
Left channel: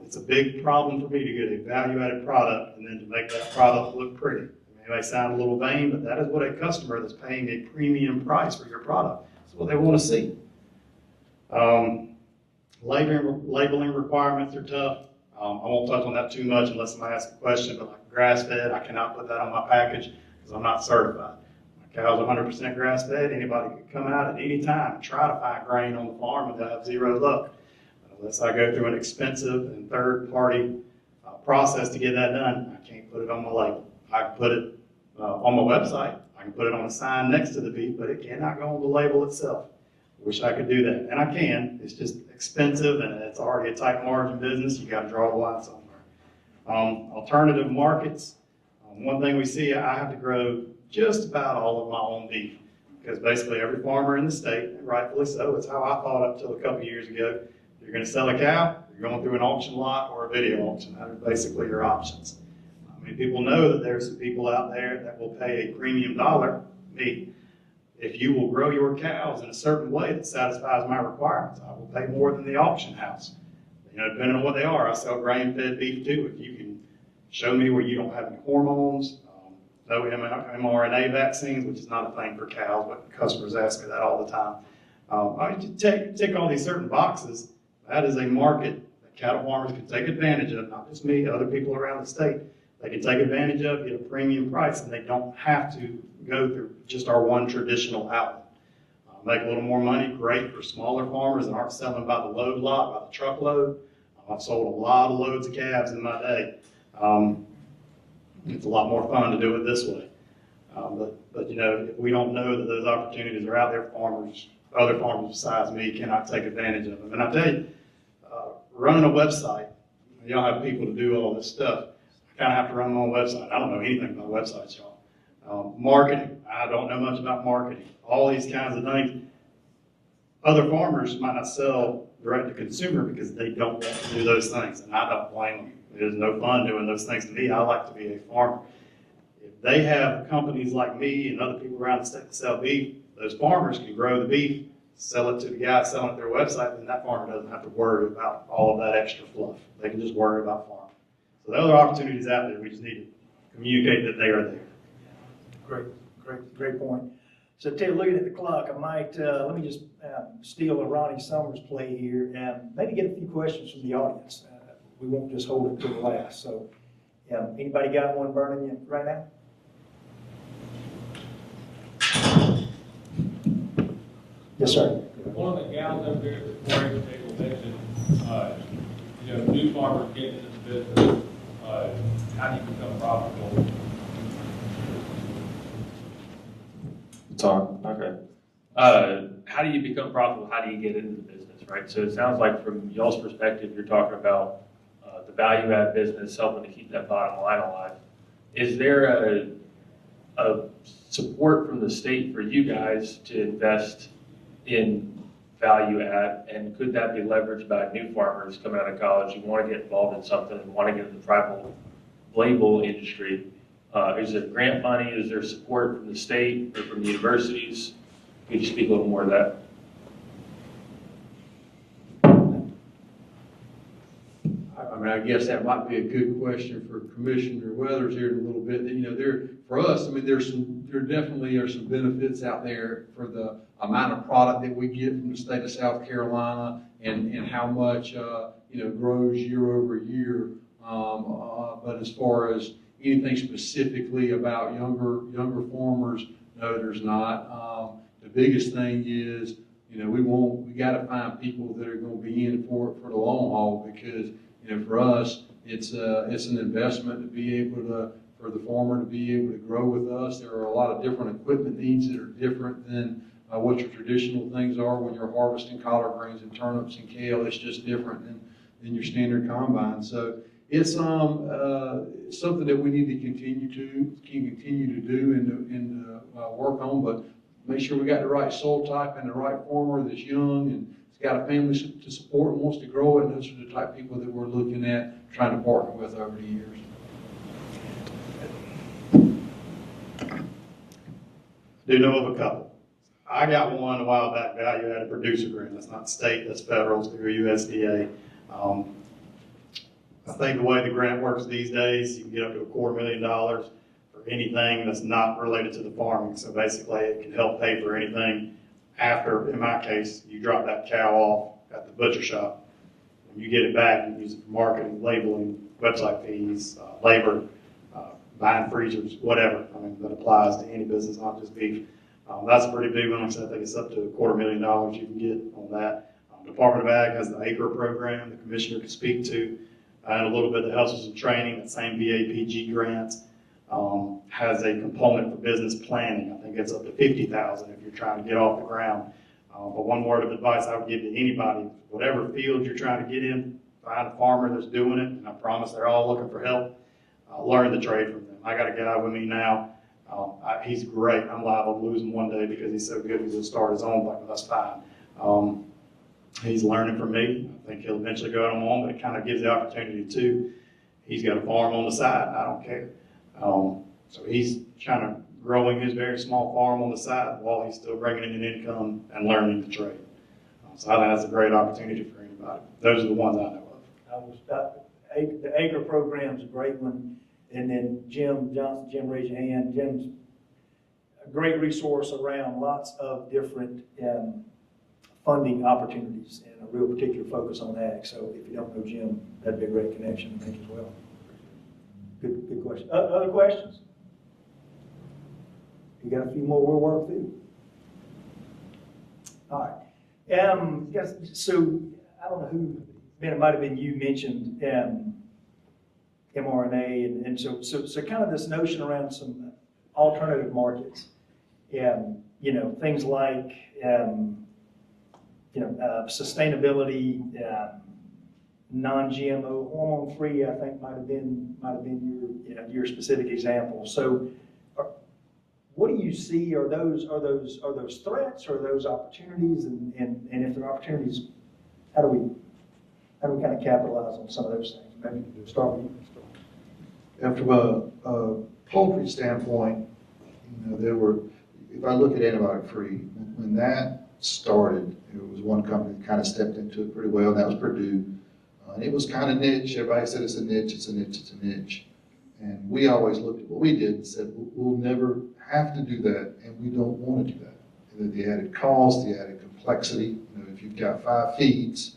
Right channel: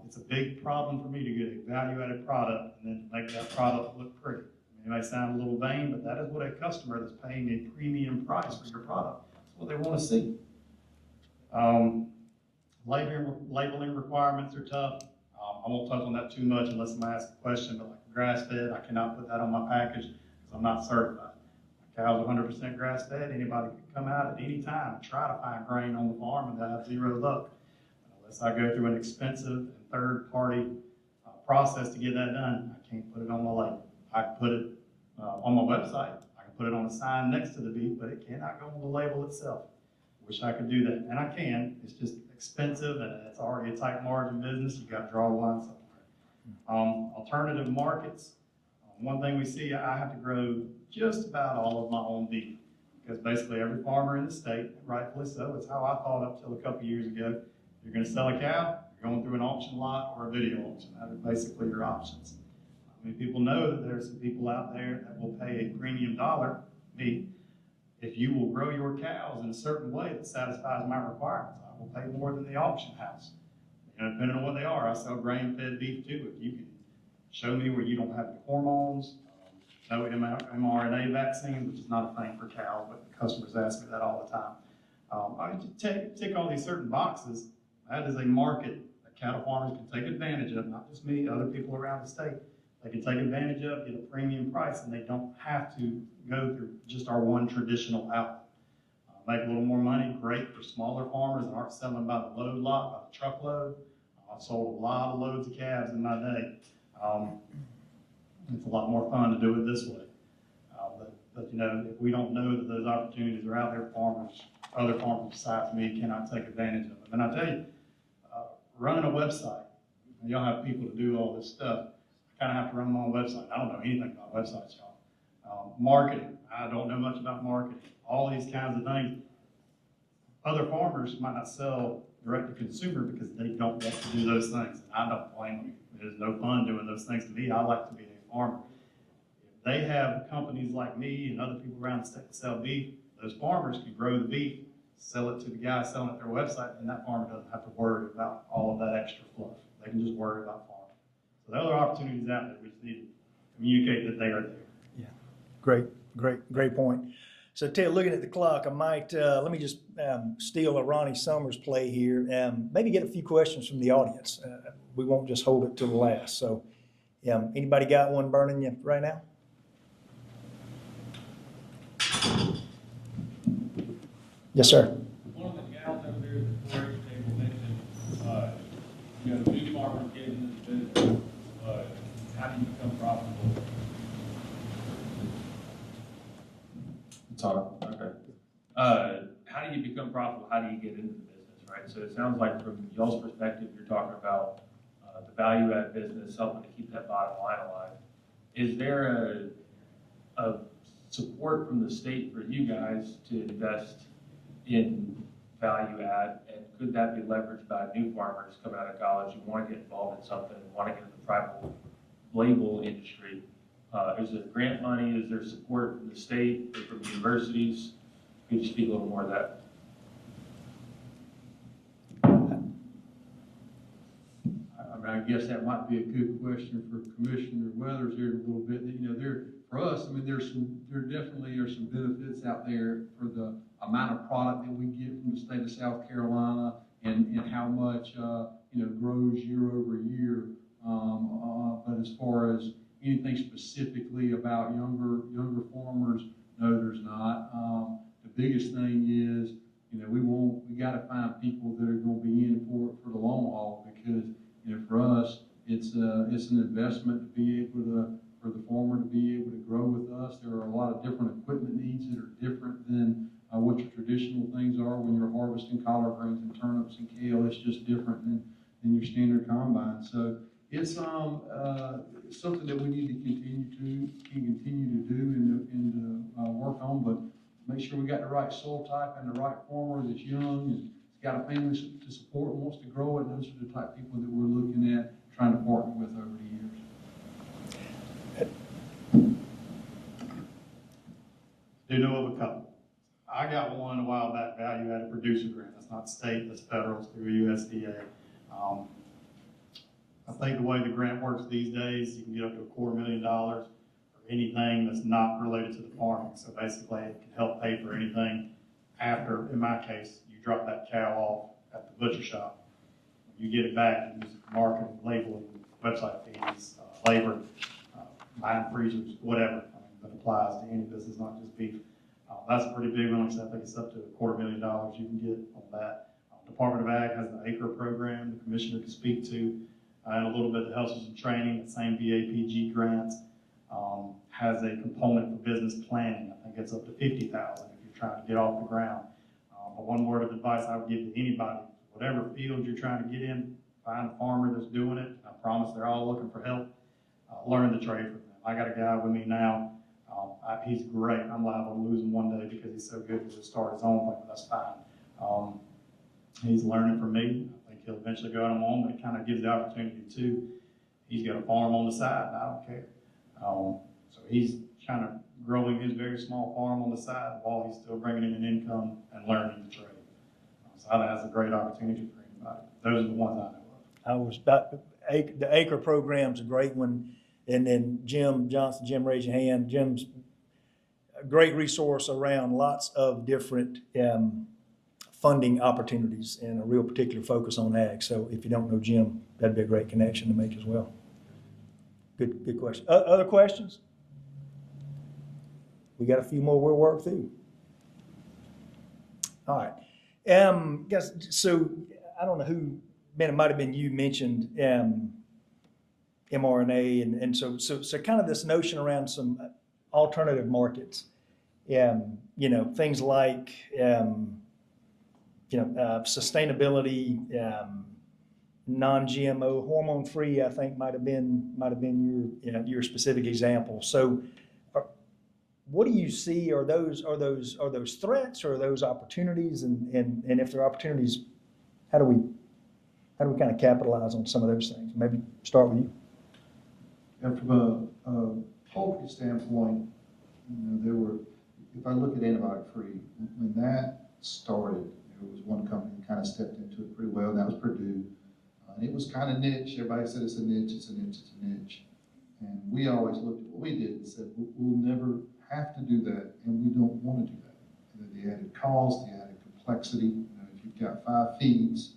It's a big problem for me to get a value-added product and then to make that product look pretty. It may sound a little vain, but that is what a customer that's paying a premium price for your product. That's what they want to see. Labeling requirements are tough. I won't touch on that too much unless somebody asks a question, but like grass-fed, I cannot put that on my package because I'm not certified. My cow's 100% grass-fed. Anybody can come out at any time and try to find grain on the farm and they'll have zero luck. Unless I go through an expensive and third-party process to get that done, I can't put it on my label. I can put it on my website. I can put it on a sign next to the beef, but it cannot go on the label itself. Wish I could do that, and I can. It's just expensive, and it's already a tight margin business. You got to draw the line somewhere. Alternative markets. One thing we see, I have to grow just about all of my own beef because basically every farmer in the state, rightfully so, it's how I thought up till a couple years ago. You're going to sell a cow, you're going through an auction lot or a video auction. That are basically your options. I mean, people know that there's some people out there that will pay a premium dollar, me, if you will grow your cows in a certain way that satisfies my requirements. I will pay more than the auction house. You know, depending on what they are, I sell grain-fed beef too. If you can show me where you don't have any hormones, no mRNA vaccines, which is not a thing for cows, but customers ask me that all the time. I tick all these certain boxes, That is a market that cattle farmers can take advantage of, not just me, other people around the state. They can take advantage of, get a premium price, and they don't have to go through just our one traditional outlet. Make a little more money, great for smaller farmers that aren't selling by the load lot, by the truckload. I've sold a lot of loads of calves in my day. It's a lot more fun to do it this way. But you know, if we don't know that those opportunities are out there, other farmers besides me cannot take advantage of them. And I tell you, running a website, y'all have people to do all this stuff. I kind of have to run my own website. I don't know anything about websites, y'all. Marketing, I don't know much about marketing. All these kinds of things. Other farmers might not sell direct to consumer because they don't want to do those things, and I don't blame them. It is no fun doing those things to me. I like to be a farmer. If they have companies like me and other people around the state that sell beef, those farmers can grow the beef, sell it to the guy selling it their website, and that farmer doesn't have to worry about all of that extra fluff. They can just worry about farming. So there are other opportunities out there. We just need to communicate that they are there. Great point. So Ted, looking at the clock, I might, let me just steal a Ronnie Summers play here and maybe get a few questions from the audience. We won't just hold it till the last. So anybody got one burning you right now? Yes, sir. One of the gals over there at the 4-H table mentioned, new farmers getting into the business, how do you become profitable? It's on, okay. How do you become profitable? How do you get into the business, right? So it sounds like from y'all's perspective, you're talking about the value add business, helping to keep that bottom line alive. Is there a support from the state for you guys to invest in value add, and could that be leveraged by new farmers coming out of college who want to get involved in something and want to get in the private label industry? Is it grant money? Is there support from the state or from the universities? Could you speak a little more to that? I mean, I guess that might be a good question for Commissioner Weathers here in a little bit. For us, I mean, there definitely are some benefits out there for the amount of product that we get from the state of South Carolina and how much, grows year over year. But as far as anything specifically about younger farmers, no, there's not. The biggest thing is, we got to find people that are going to be in for it for the long haul, because for us, it's an investment to be able to, for the farmer to be able to grow with us. There are a lot of different equipment needs that are different than what your traditional things are when you're harvesting collard greens and turnips and kale. It's just different than your standard combine. So it's something that we need to continue to do and work on, but make sure we got the right soil type and the right farmer that's young and has got a family to support and wants to grow it. And those are the type of people that we're looking at trying to partner with over the years. Do know of a couple. I got one a while back, value added producer grant. That's not state, that's federal, it's through USDA. I think the way the grant works these days, you can get up to $250,000 for anything that's not related to the farming. So basically it can help pay for anything after, in my case, you drop that cow off at the butcher shop. When you get it back, you use it for marketing, labeling, website fees, labor, buying freezers, whatever. I mean, that applies to any business, not just beef. That's a pretty big one. Like I said, I think it's up to $250,000 you can get on that. Department of Ag has the ACRE program the commissioner can speak to, and a little bit that helps with some training. That same VAPG grant has a component for business planning. I think it's up to $50,000 if you're trying to get off the ground. But one word of advice I would give to anybody, whatever field you're trying to get in, find a farmer that's doing it, and I promise they're all looking for help. Learn the trade from them. I got a guy with me now. He's great. I'm liable to lose him one day because he's so good. He's going to start his own thing, but that's fine. He's learning from me. I think he'll eventually go out on his own, but it kind of gives the opportunity too. He's got a farm on the side. I don't care. So he's kind of growing his very small farm on the side while he's still bringing in an income and learning the trade. So I think that's a great opportunity for anybody. Those are the ones I know of. The ACRE program's a great one. And then Jim Johnson, Jim, raise your hand. Jim's a great resource around lots of different funding opportunities and a real particular focus on ag. So if you don't know Jim, that'd be a great connection to make as well. Good question. Other questions? We got a few more we'll work through. All right. Guess, so I don't know who, man, it might have been you mentioned mRNA, and so kind of this notion around some alternative markets. Things like sustainability, non-GMO, hormone-free. I think might have been your specific example. So, what do you see? Are those threats, or are those opportunities? And if they're opportunities, how do we kind of capitalize on some of those things? Maybe start with you. And from a poultry standpoint, if I look at antibiotic-free, when that started, it was one company that kind of stepped into it pretty well, and that was Purdue. And it was kind of niche. Everybody said it's a niche, it's a niche, it's a niche. And we always looked at what we did and said, we'll never have to do that, and we don't want to do that. The added cost, the added complexity. If you've got 5 feeds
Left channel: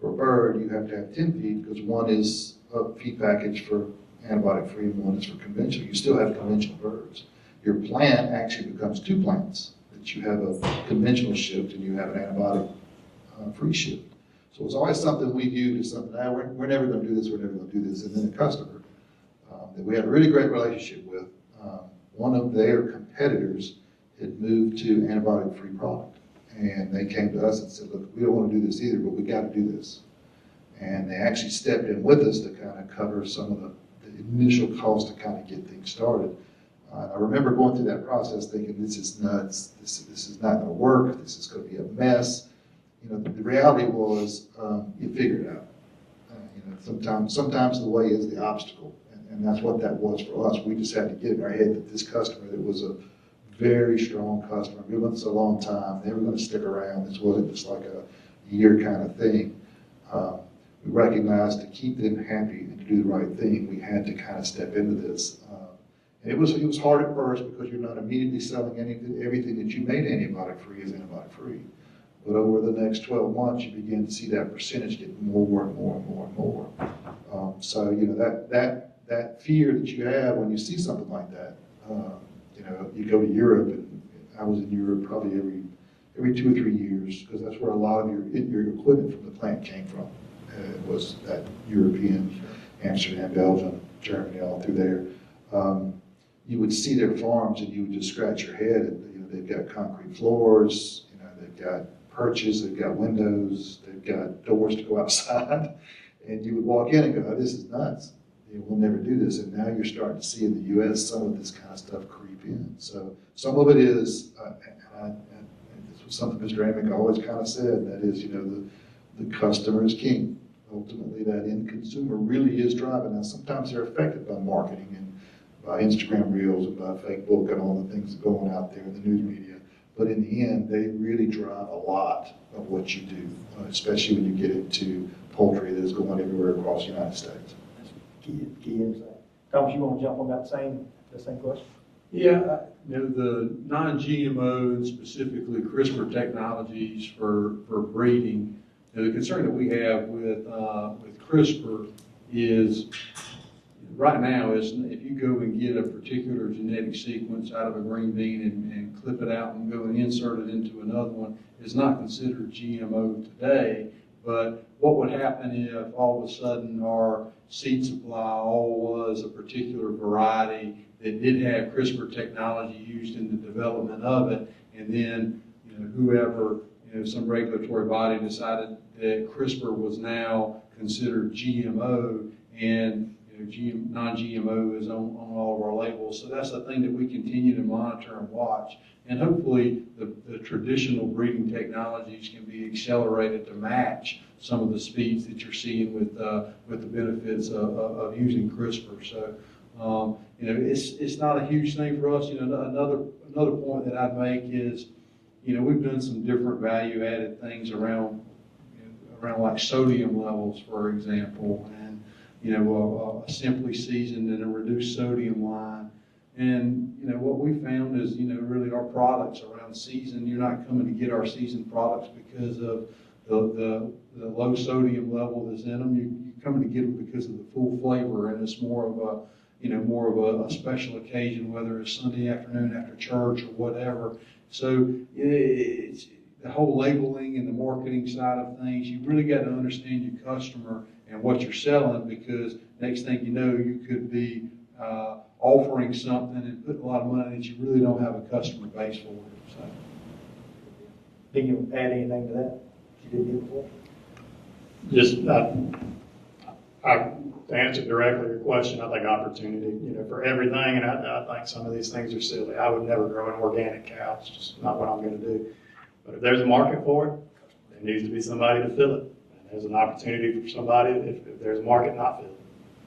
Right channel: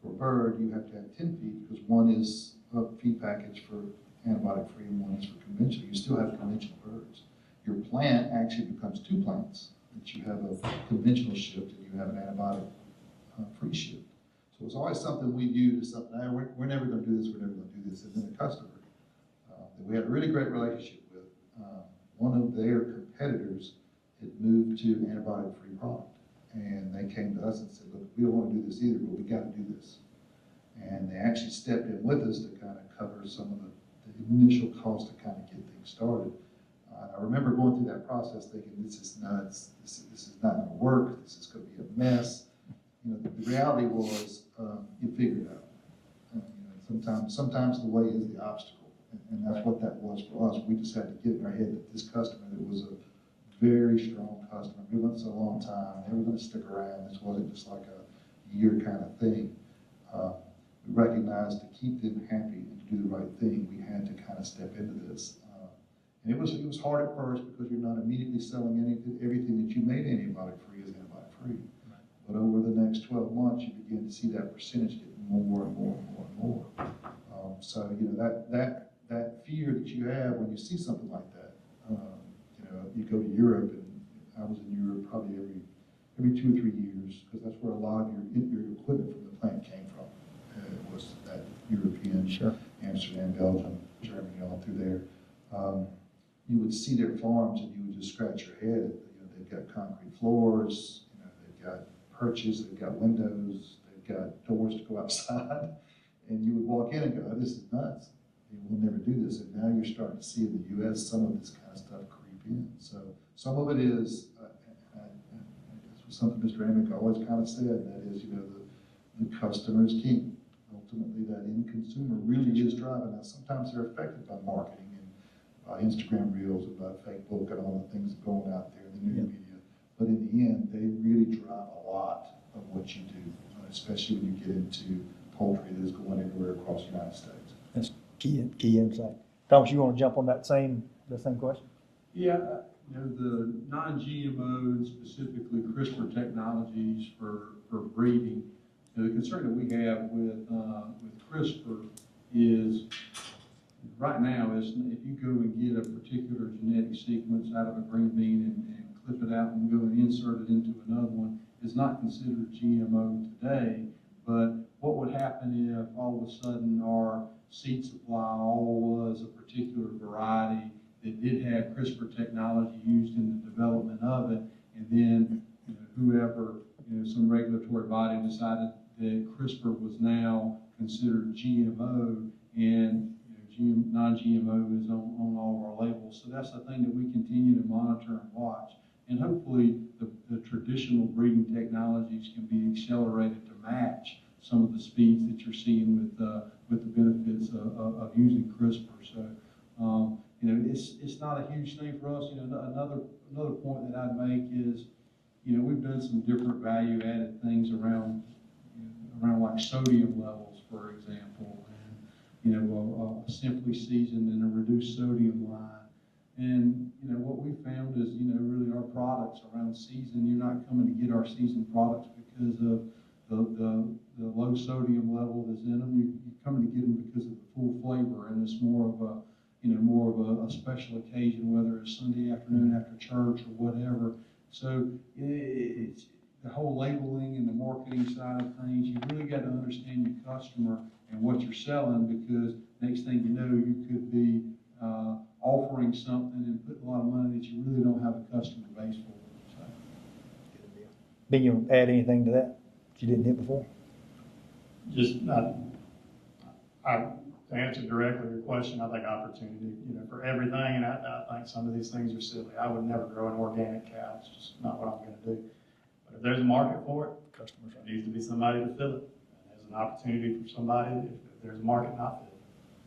for a bird, you have to have 10 feed, because one is a feed package for antibiotic-free and one is for conventional. You still have conventional birds. Your plant actually becomes 2 plants, that you have a conventional shift and you have an antibiotic-free shift. So it's always something we viewed as something, we're never going to do this, we're never going to do this. And then a customer that we had a really great relationship with, one of their competitors had moved to antibiotic-free product. And they came to us and said, look, we don't want to do this either, but we got to do this. And they actually stepped in with us to kind of cover some of the initial cost to kind of get things started. I remember going through that process thinking, this is nuts, this is not going to work, this is going to be a mess. The reality was, you figure it out. Sometimes the way is the obstacle, and that's what that was for us. We just had to get in our head that this customer, that was a very strong customer, been with us a long time, they were going to stick around. This wasn't just like a year kind of thing. We recognized to keep them happy and to do the right thing, we had to kind of step into this. And it was hard at first, because you're not immediately selling everything that you made antibiotic-free as antibiotic-free. But over the next 12 months, you begin to see that percentage get more and more and more and more. So that fear that you have when you see something like that. You go to Europe, and I was in Europe probably every 2 or 3 years, because that's where a lot of your equipment from the plant came from. It was that European, sure. Amsterdam, Belgium, Germany, all through there. You would see their farms, and you would just scratch your head. They've got concrete floors, they've got perches, they've got windows, they've got doors to go outside, and you would walk in and go, oh, this is nuts. We'll never do this. And now you're starting to see in the U.S. some of this kind of stuff creep in. So some of it is, this was something Mr. Amick always kind of said, and that is, the customer is king. Ultimately, that end consumer really is driving. Now, sometimes they're affected by marketing and by Instagram reels and by Facebook and all the things going out there in the news media. But in the end, they really drive a lot of what you do, especially when you get into poultry that is going everywhere across the United States. That's key insight. Thomas, you want to jump on the same question? Yeah, the non-GMO and specifically CRISPR technologies for breeding. The concern that we have with CRISPR is, right now, is if you go and get a particular genetic sequence out of a green bean and clip it out and go and insert it into another one, it's not considered GMO today. But what would happen if all of a sudden our seed supply all was a particular variety that did have CRISPR technology used in the development of it, and then whoever, some regulatory body decided that CRISPR was now considered GMO, and non-GMO is on all of our labels. So that's the thing that we continue to monitor and watch. And hopefully the traditional breeding technologies can be accelerated to match some of the speeds that you're seeing with the benefits of using CRISPR. So it's not a huge thing for us. Another point that I'd make is, we've done some different value-added things around like sodium levels, for example, and a simply seasoned and a reduced sodium line. And, you know, what we found is, you know, really our products around the season, you're not coming to get our season products because of the low sodium level that's in them. You're coming to get them because of the full flavor, and it's more of a, you know, more of a special occasion, whether it's Sunday afternoon after church or whatever. So it's the whole labeling and the marketing side of things. You really got to understand your customer and what you're selling, because next thing you know, you could be offering something and putting a lot of money that you really don't have a customer base for. So. Ben, you add anything to that you didn't hear before? Just, to answer directly your question, I think opportunity, you know, for everything, and I think some of these things are silly. I would never grow an organic cow. It's just not what I'm going to do. But if there's a market for it, there needs to be somebody to fill it. And there's an opportunity for somebody, if there's a market, not fill it.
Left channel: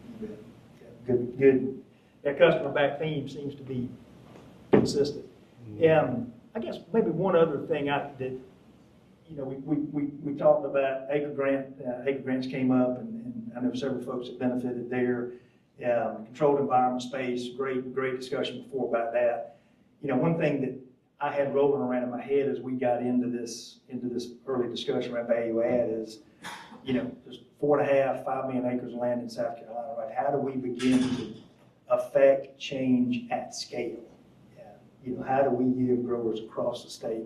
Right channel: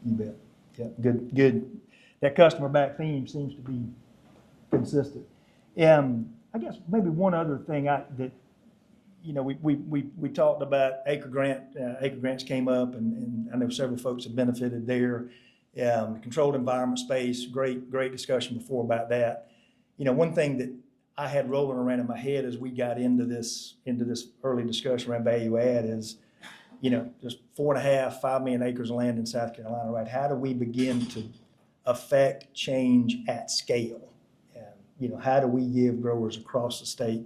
You bet. Yeah, good. That customer back theme seems to be consistent. I guess maybe one other thing that, you know, we talked about acre grants came up, and I know several folks have benefited there. Controlled environment space, great discussion before about that. You know, one thing that I had rolling around in my head as we got into this early discussion around value add is, you know, just 5 million acres of land in South Carolina, right? How do we begin to affect change at scale? You know, how do we give growers across the state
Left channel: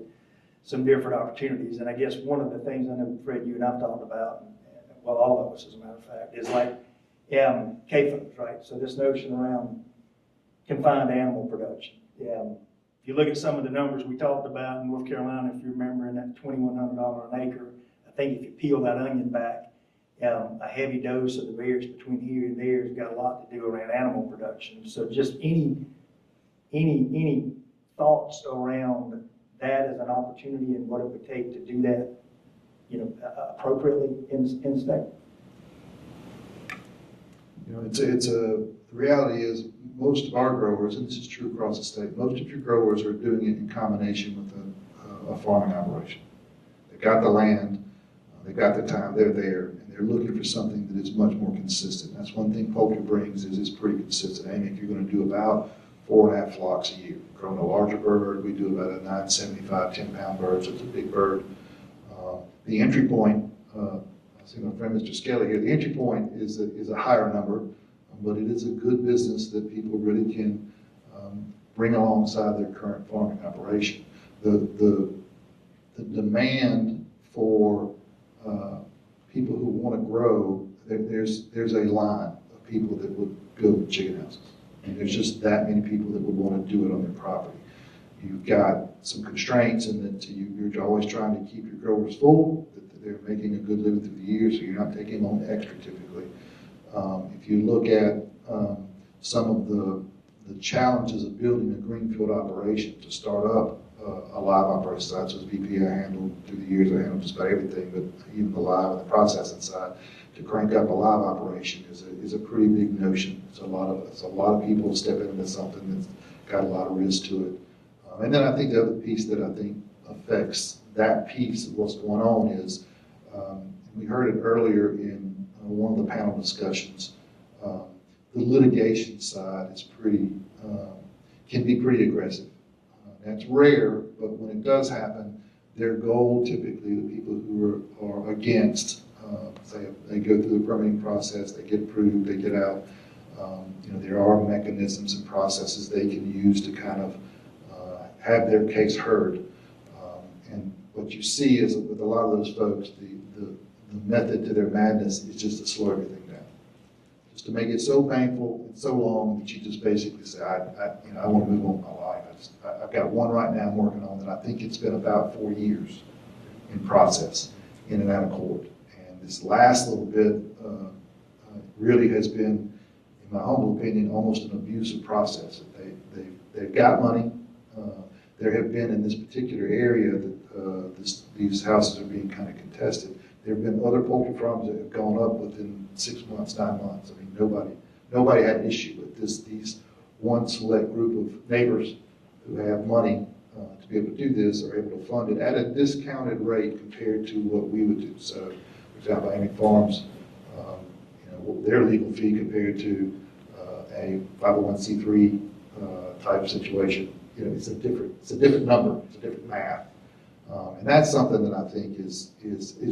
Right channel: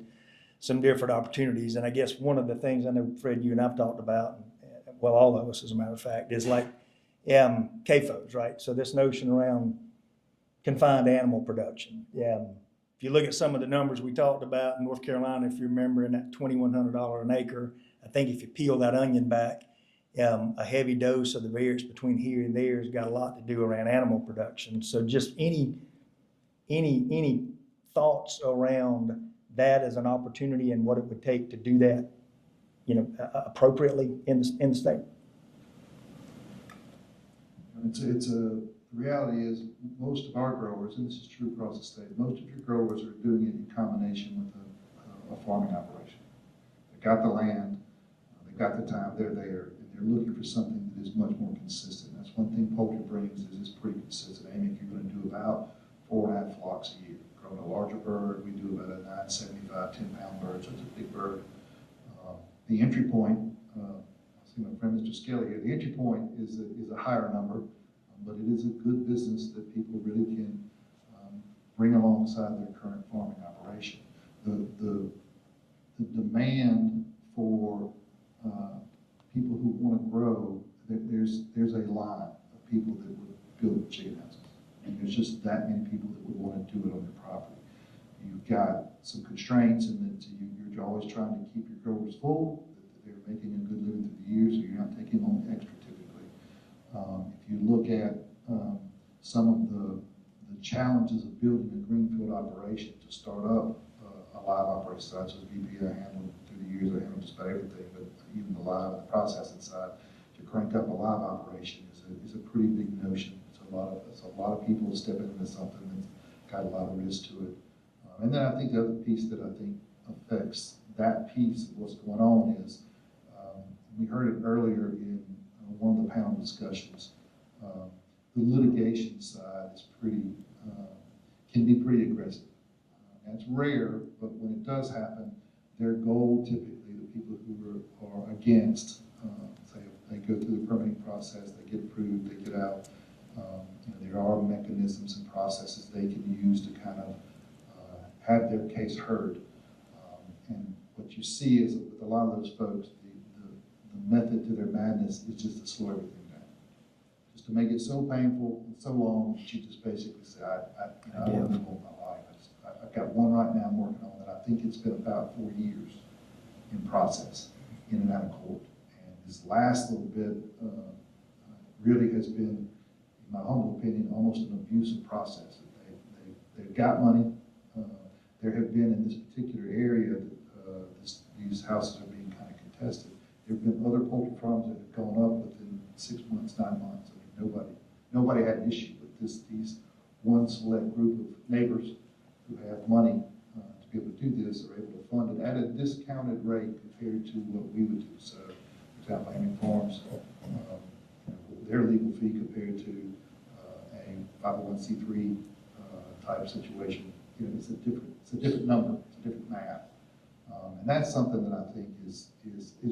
some different opportunities? And I guess one of the things I know, Fred, you and I've talked about, well, all of us as a matter of fact, is like CAFOs, right? So this notion around confined animal production. If you look at some of the numbers we talked about in North Carolina, if you remember, in that $2,100 an acre, I think if you peel that onion back, a heavy dose of the variance between here and there has got a lot to do around animal production. So just any thoughts around that as an opportunity and what it would take to do that, you know, appropriately in the state? You know, the reality is most of our growers, and this is true across the state, most of your growers are doing it in combination with a farming operation. They've got the land, they've got the time, they're there, and they're looking for something that is much more consistent. That's one thing poultry brings, is it's pretty consistent. I mean, you're going to do about 4.5 flocks a year. Growing a larger bird, we do about a 975, 10-pound bird, so it's a big bird. The entry point, I see my friend Mr. Skelly here, the entry point is a higher number, but it is a good business that people really can bring alongside their current farming operation. The demand for people who want to grow, there's a line of people that would build chicken houses. And there's just that many people that would want to do it on their property. You've got some constraints in that you're always trying to keep your growers full, that they're making a good living through the year, so you're not taking on extra typically. If you look at some of the challenges of building a greenfield operation to start up a live operation side, so as VP I handled through the years, I handled just about everything, but even the live and the processing side, to crank up a live operation is a pretty big notion. It's a lot of people stepping into something that's got a lot of risk to it. And then I think the other piece that I think affects that piece of what's going on is, we heard it earlier in one of the panel discussions, the litigation side is can be pretty aggressive. That's rare, but when it does happen, their goal typically, the people who are against, say they go through the permitting process, they get approved, they get out. You know, there are mechanisms and processes they can use to kind of have their case heard. And what you see is with a lot of those folks, the method to their madness is just to slow everything down, just to make it so painful and so long that you just basically say, I want to move on with my life. I've got one right now I'm working on that I think it's been about 4 years in process, in and out of court. And this last little bit really has been, in my humble opinion, almost an abusive process. They've got money. There have been in this particular area that these houses are being kind of contested. There have been other poultry farms that have gone up within 6 months, 9 months. I mean, nobody had an issue with this. These one select group of neighbors who have money to be able to do this are able to fund it at a discounted rate compared to what we would do. So, for example, Amy Farms, you know, their legal fee compared to a 501c3 type situation. You know, it's a different number, it's a different math. And that's something that I think is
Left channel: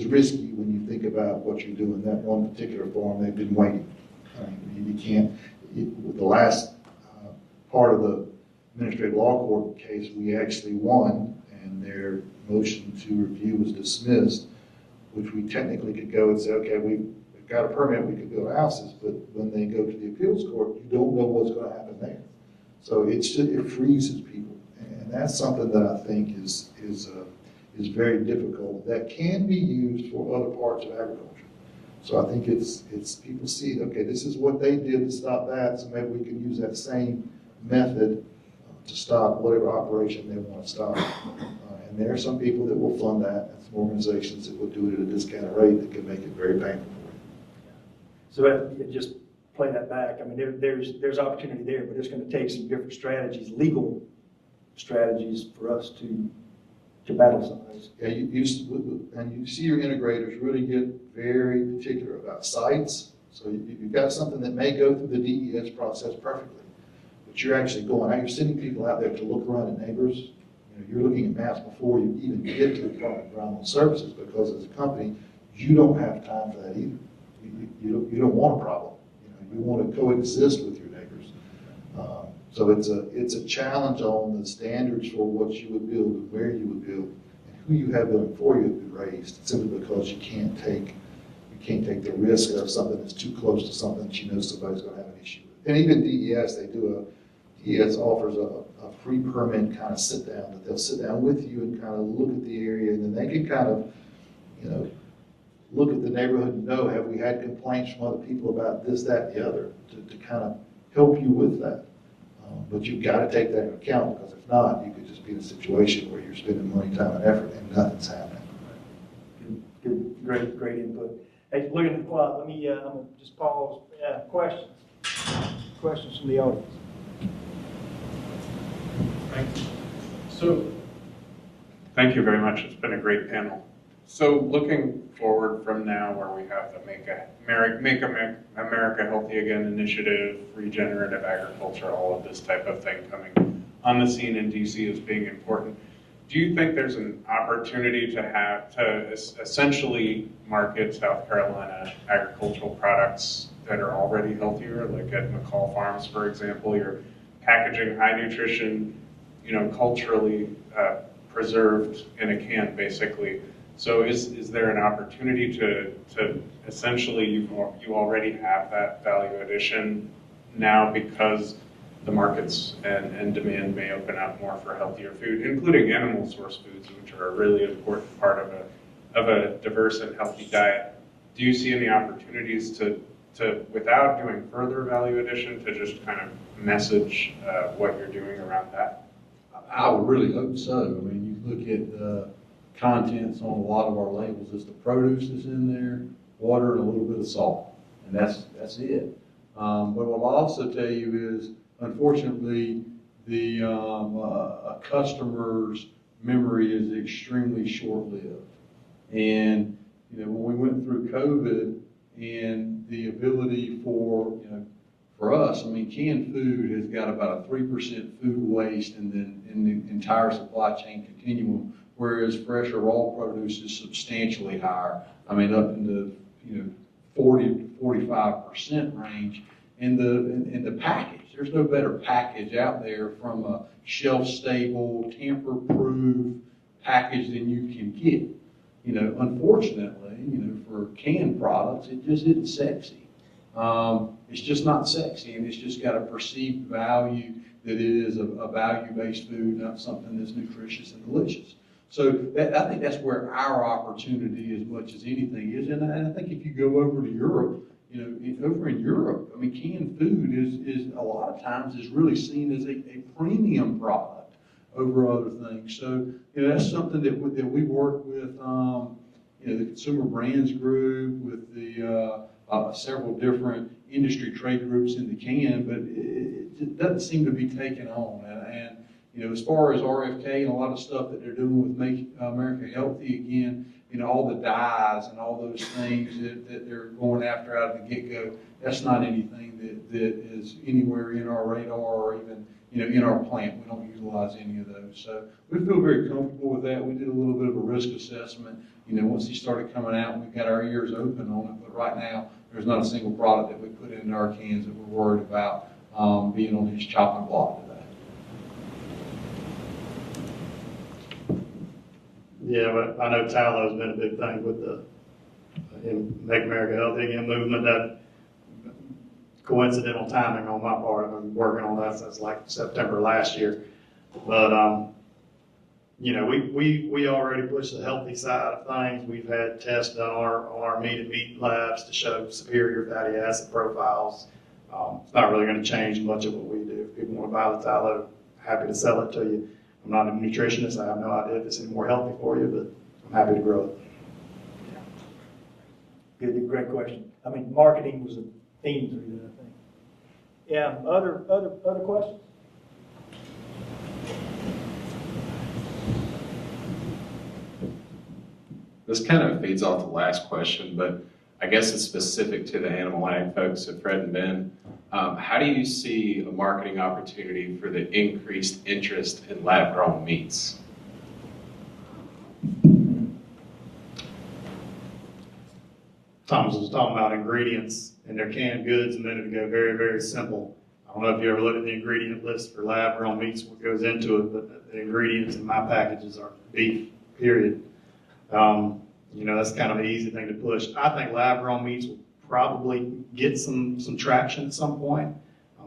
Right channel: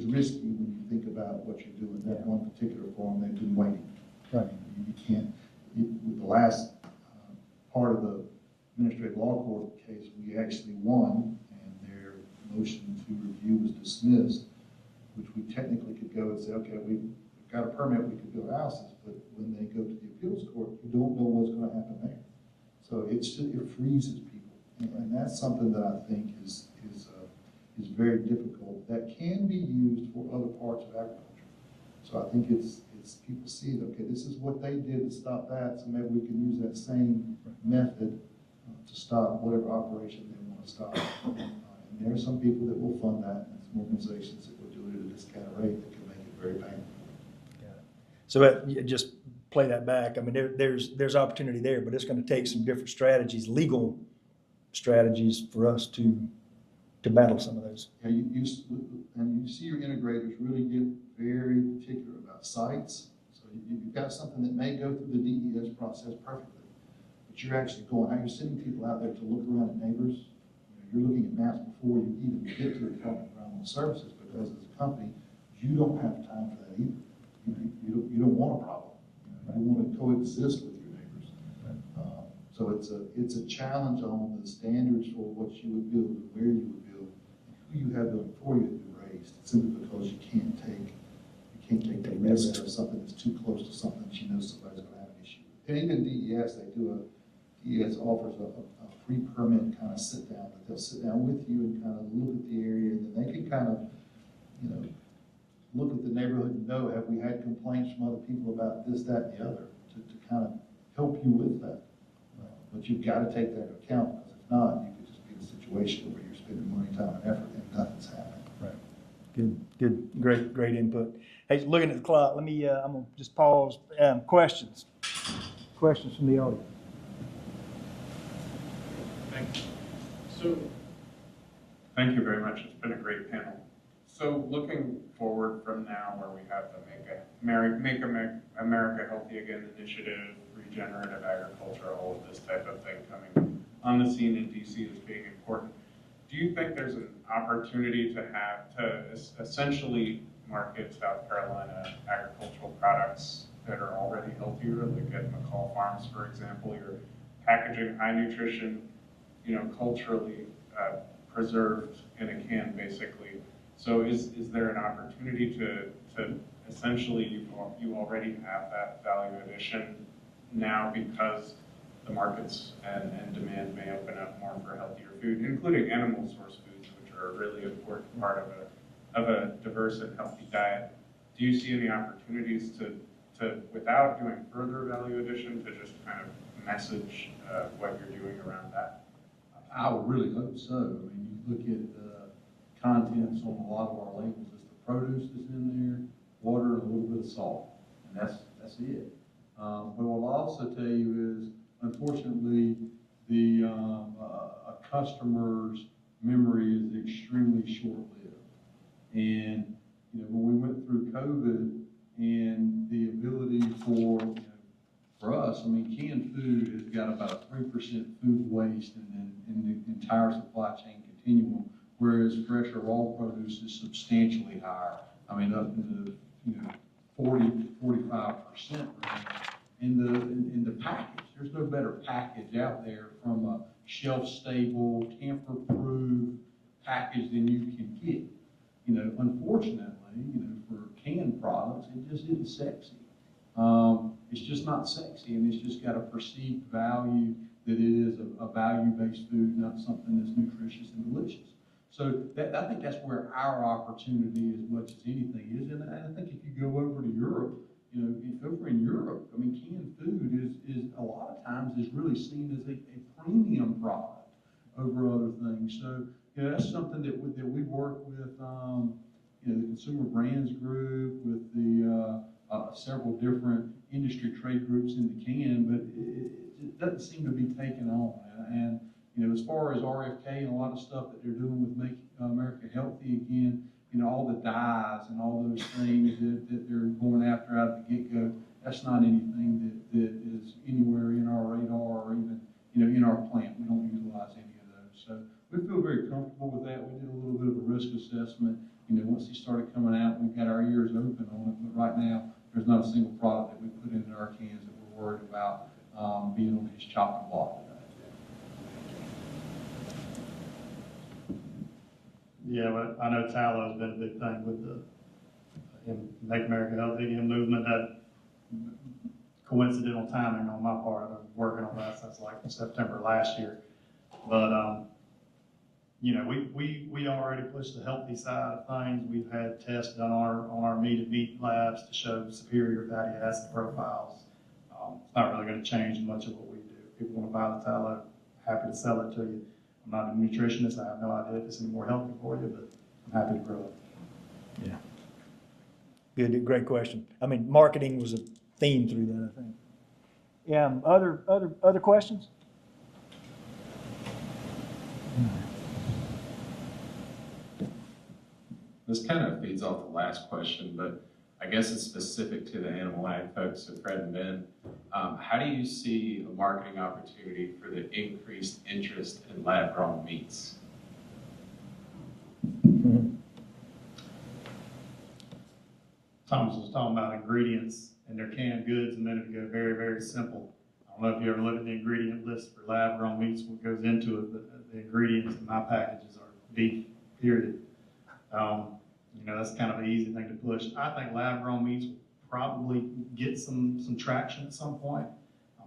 risky when you think about what you're doing. That one particular farm, they've been waiting. You can't, the last part of the administrative law court case, we actually won, and their motion to review was dismissed, which we technically could go and say, okay, we've got a permit, we could build houses, but when they go to the appeals court, you don't know what's going to happen there. So it freezes people, and that's something that I think is very difficult. That can be used for other parts of agriculture. So I think it's people see, okay, this is what they did to stop that, so maybe we can use that same method to stop whatever operation they want to stop. And there are some people that will fund that, and some organizations that will do it at a discounted rate that can make it very painful for you. So just play that back. I mean, there's opportunity there, but it's going to take some different strategies, legal strategies, for us to battle some of those. Yeah, you see your integrators really get very particular about sites. So you've got something that may go through the DES process perfectly, but you're actually going out, you're sending people out there to look around at neighbors. You know, you're looking at maps before you even get to the Department of Environmental Services, because as a company, you don't have time for that either. You don't want a problem. You know, you want to coexist with your neighbors. So it's a challenge on the standards for what you would build and where you would build and who you have building for you to be raised, simply because you can't take the risk of something that's too close to something that you know somebody's going to have an issue with. And even DES, DES offers a free permit kind of sit down, that they'll sit down with you and kind of look at the area, and then they can kind of, you know, look at the neighborhood and know, have we had complaints from other people about this, that, and the other, to kind of help you with that. But you've got to take that into account, because if not, you could just be in a situation where you're spending money, time, and effort, and nothing's happening. Good, great input. Hey, looking at the clock, let me, I'm going to just pause. Questions from the audience? Thank you. So, thank you very much. It's been a great panel. So, looking forward from now, where we have the Make America Healthy Again initiative, regenerative agriculture, all of this type of thing coming on the scene in DC as being important, do you think there's an opportunity to essentially market South Carolina agricultural products that are already healthier, like at McCall Farms, for example? You're packaging high nutrition, you know, culturally preserved in a can, basically. So is there an opportunity to essentially, you already have that value addition now, because the markets and demand may open up more for healthier food, including animal source foods, which are a really important part of a diverse and healthy diet? Do you see any opportunities to without doing further value addition, to just kind of message what you're doing around that? I would really hope so. I mean, you look at the contents on a lot of our labels, it's the produce that's in there, water, and a little bit of salt, and that's it. But what I'll also tell you is, unfortunately, the a customer's memory is extremely short-lived. And you know, when we went through COVID, and the ability for us, I mean, canned food has got about a 3% food waste in the entire supply chain continuum, whereas fresh or raw produce is substantially higher. I mean, up into 40, 45% range. In the package, there's no better package out there from a shelf-stable, tamper-proof package than you can get. You know, unfortunately, for canned products, it just isn't sexy. It's just not sexy, and it's just got a perceived value that it is a value-based food, not something that's nutritious and delicious. So I think that's where our opportunity, as much as anything, is. And I think if you go over to Europe, over in Europe, I mean, canned food is a lot of times is really seen as a premium product over other things. So that's something that we work with, the Consumer Brands Group, with the several different industry trade groups in the can, but it doesn't seem to be taken on. And as far as RFK and a lot of stuff that they're doing with Make America Healthy Again, all the dyes and all those things that they're going after out of the get-go, that's not anything that is anywhere in our radar or in our plant. We don't utilize any of those. So we feel very comfortable with that. We did a little bit of a risk assessment. Once he started coming out, we've got our ears open on it. But right now, there's not a single product that we put into our cans that we're worried about being on his chopping block today. Yeah, but I know tallow has been a big thing with the Make America Healthy Again movement. That coincidental timing on my part. I've been working on that since like September last year. But, we already pushed the healthy side of things. We've had tests done on our meat labs to show superior fatty acid profiles. It's not really going to change much of what we do. If people want to buy the tallow, happy to sell it to you. I'm not a nutritionist. I have no idea if it's any more healthy for you, but I'm happy to grow it. Good, great question. I mean, marketing was a theme through that, I think. Yeah, other questions? This kind of feeds off the last question, but I guess it's specific to the animal ag folks, so Fred and Ben. How do you see a marketing opportunity for the increased interest in lab-grown meats? Thomas was talking about ingredients in their canned goods a minute ago, very, very simple. I don't know if you ever looked at the ingredient list for lab-grown meats, what goes into it, but the ingredients in my packages are beef, period. That's kind of an easy thing to push. I think lab-grown meats will probably get some traction at some point.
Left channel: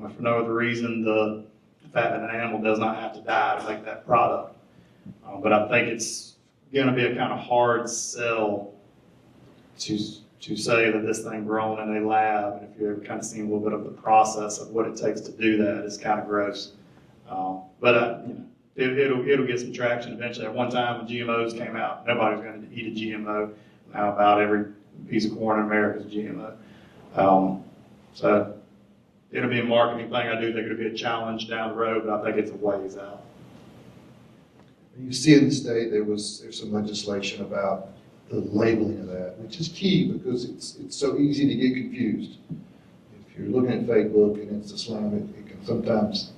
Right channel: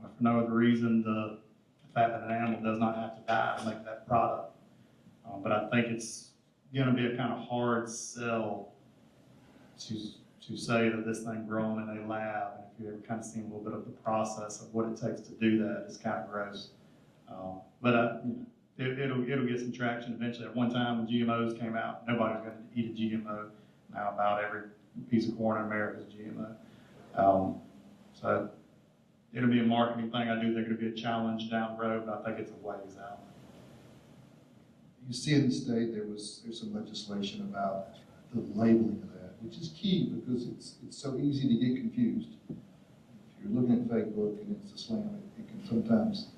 If for no other reason, the fact that an animal does not have to die to make that product. But I think it's going to be a kind of hard sell to say that this thing grown in a lab. If you've ever kind of seen a little bit of the process of what it takes to do that, it's kind of gross. It'll get some traction eventually. At one time, when GMOs came out, nobody was going to eat a GMO. Now about every piece of corn in America is GMO. So it'll be a marketing thing. I do think it'll be a challenge down the road, but I think it's a ways out. You see in the state, there's some legislation about the labeling of that, which is key because it's so easy to get confused. If you're looking at Facebook and it's a slam, it can sometimes,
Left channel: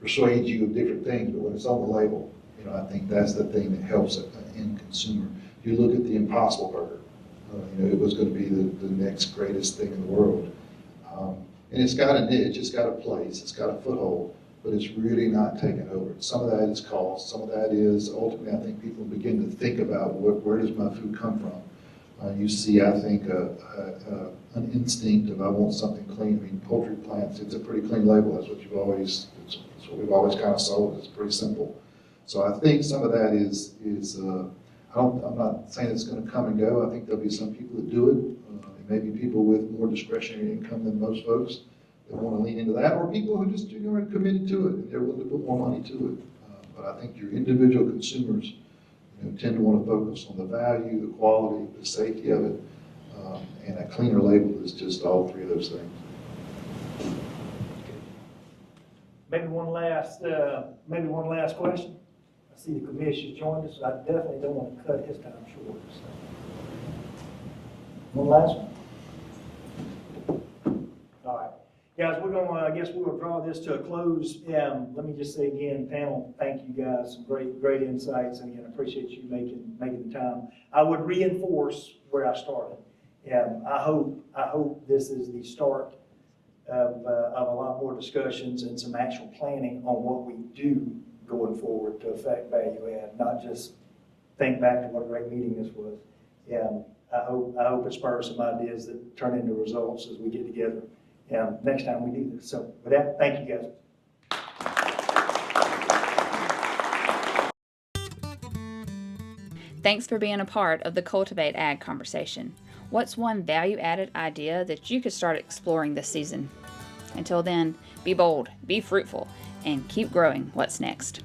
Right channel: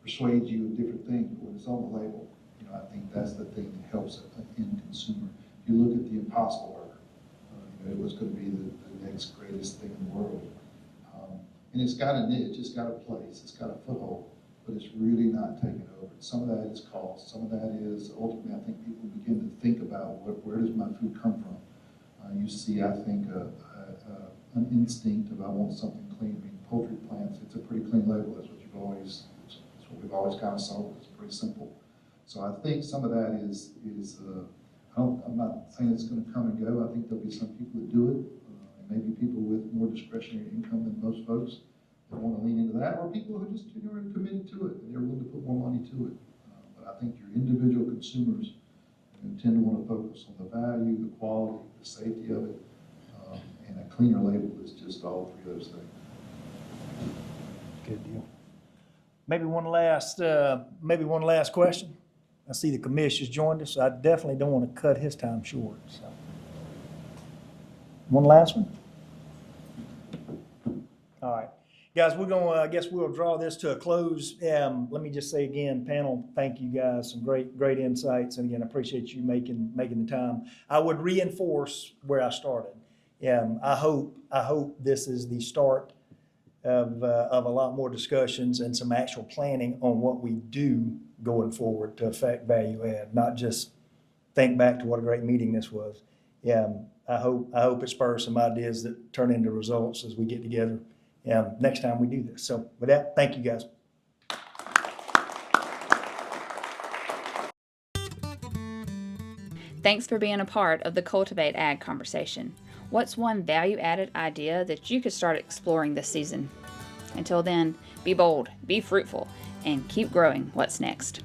persuade you of different things, but when it's on the label, I think that's the thing that helps an end consumer. If you look at the Impossible Burger, it was going to be the next greatest thing in the world. And it's got a niche, it's got a place, it's got a foothold, but it's really not taken over. Some of that is cost, some of that is ultimately, I think people begin to think about where does my food come from? You see, I think, an instinct of I want something clean. I mean, poultry plants, it's a pretty clean label. That's what we've always kind of sold. It's pretty simple. So I think some of that is I'm not saying it's going to come and go. I think there'll be some people that do it, and maybe people with more discretionary income than most folks that want to lean into that, or people who just are committed to it and they're willing to put more money to it. But I think your individual consumers tend to want to focus on the value, the quality, the safety of it, and a cleaner label is just all three of those things. Maybe one last question. I see the commissioner's joined us, so I definitely don't want to cut his time short. So. One last one? All right. Guys, I guess we'll draw this to a close. Let me just say again, panel, thank you guys, some great insights, and again, I appreciate you making the time. I would reinforce where I started. I hope this is the start of a lot more discussions and some actual planning on what we do going forward to affect value add, not just think back to what a great meeting this was. I hope it spurs some ideas that turn into results as we get together next time we do this. So with that, thank you guys. Thanks for being a part of the Cultivate Ag conversation. What's one value-added idea that you could start exploring this season? Until then, be bold, be fruitful, and keep growing what's next.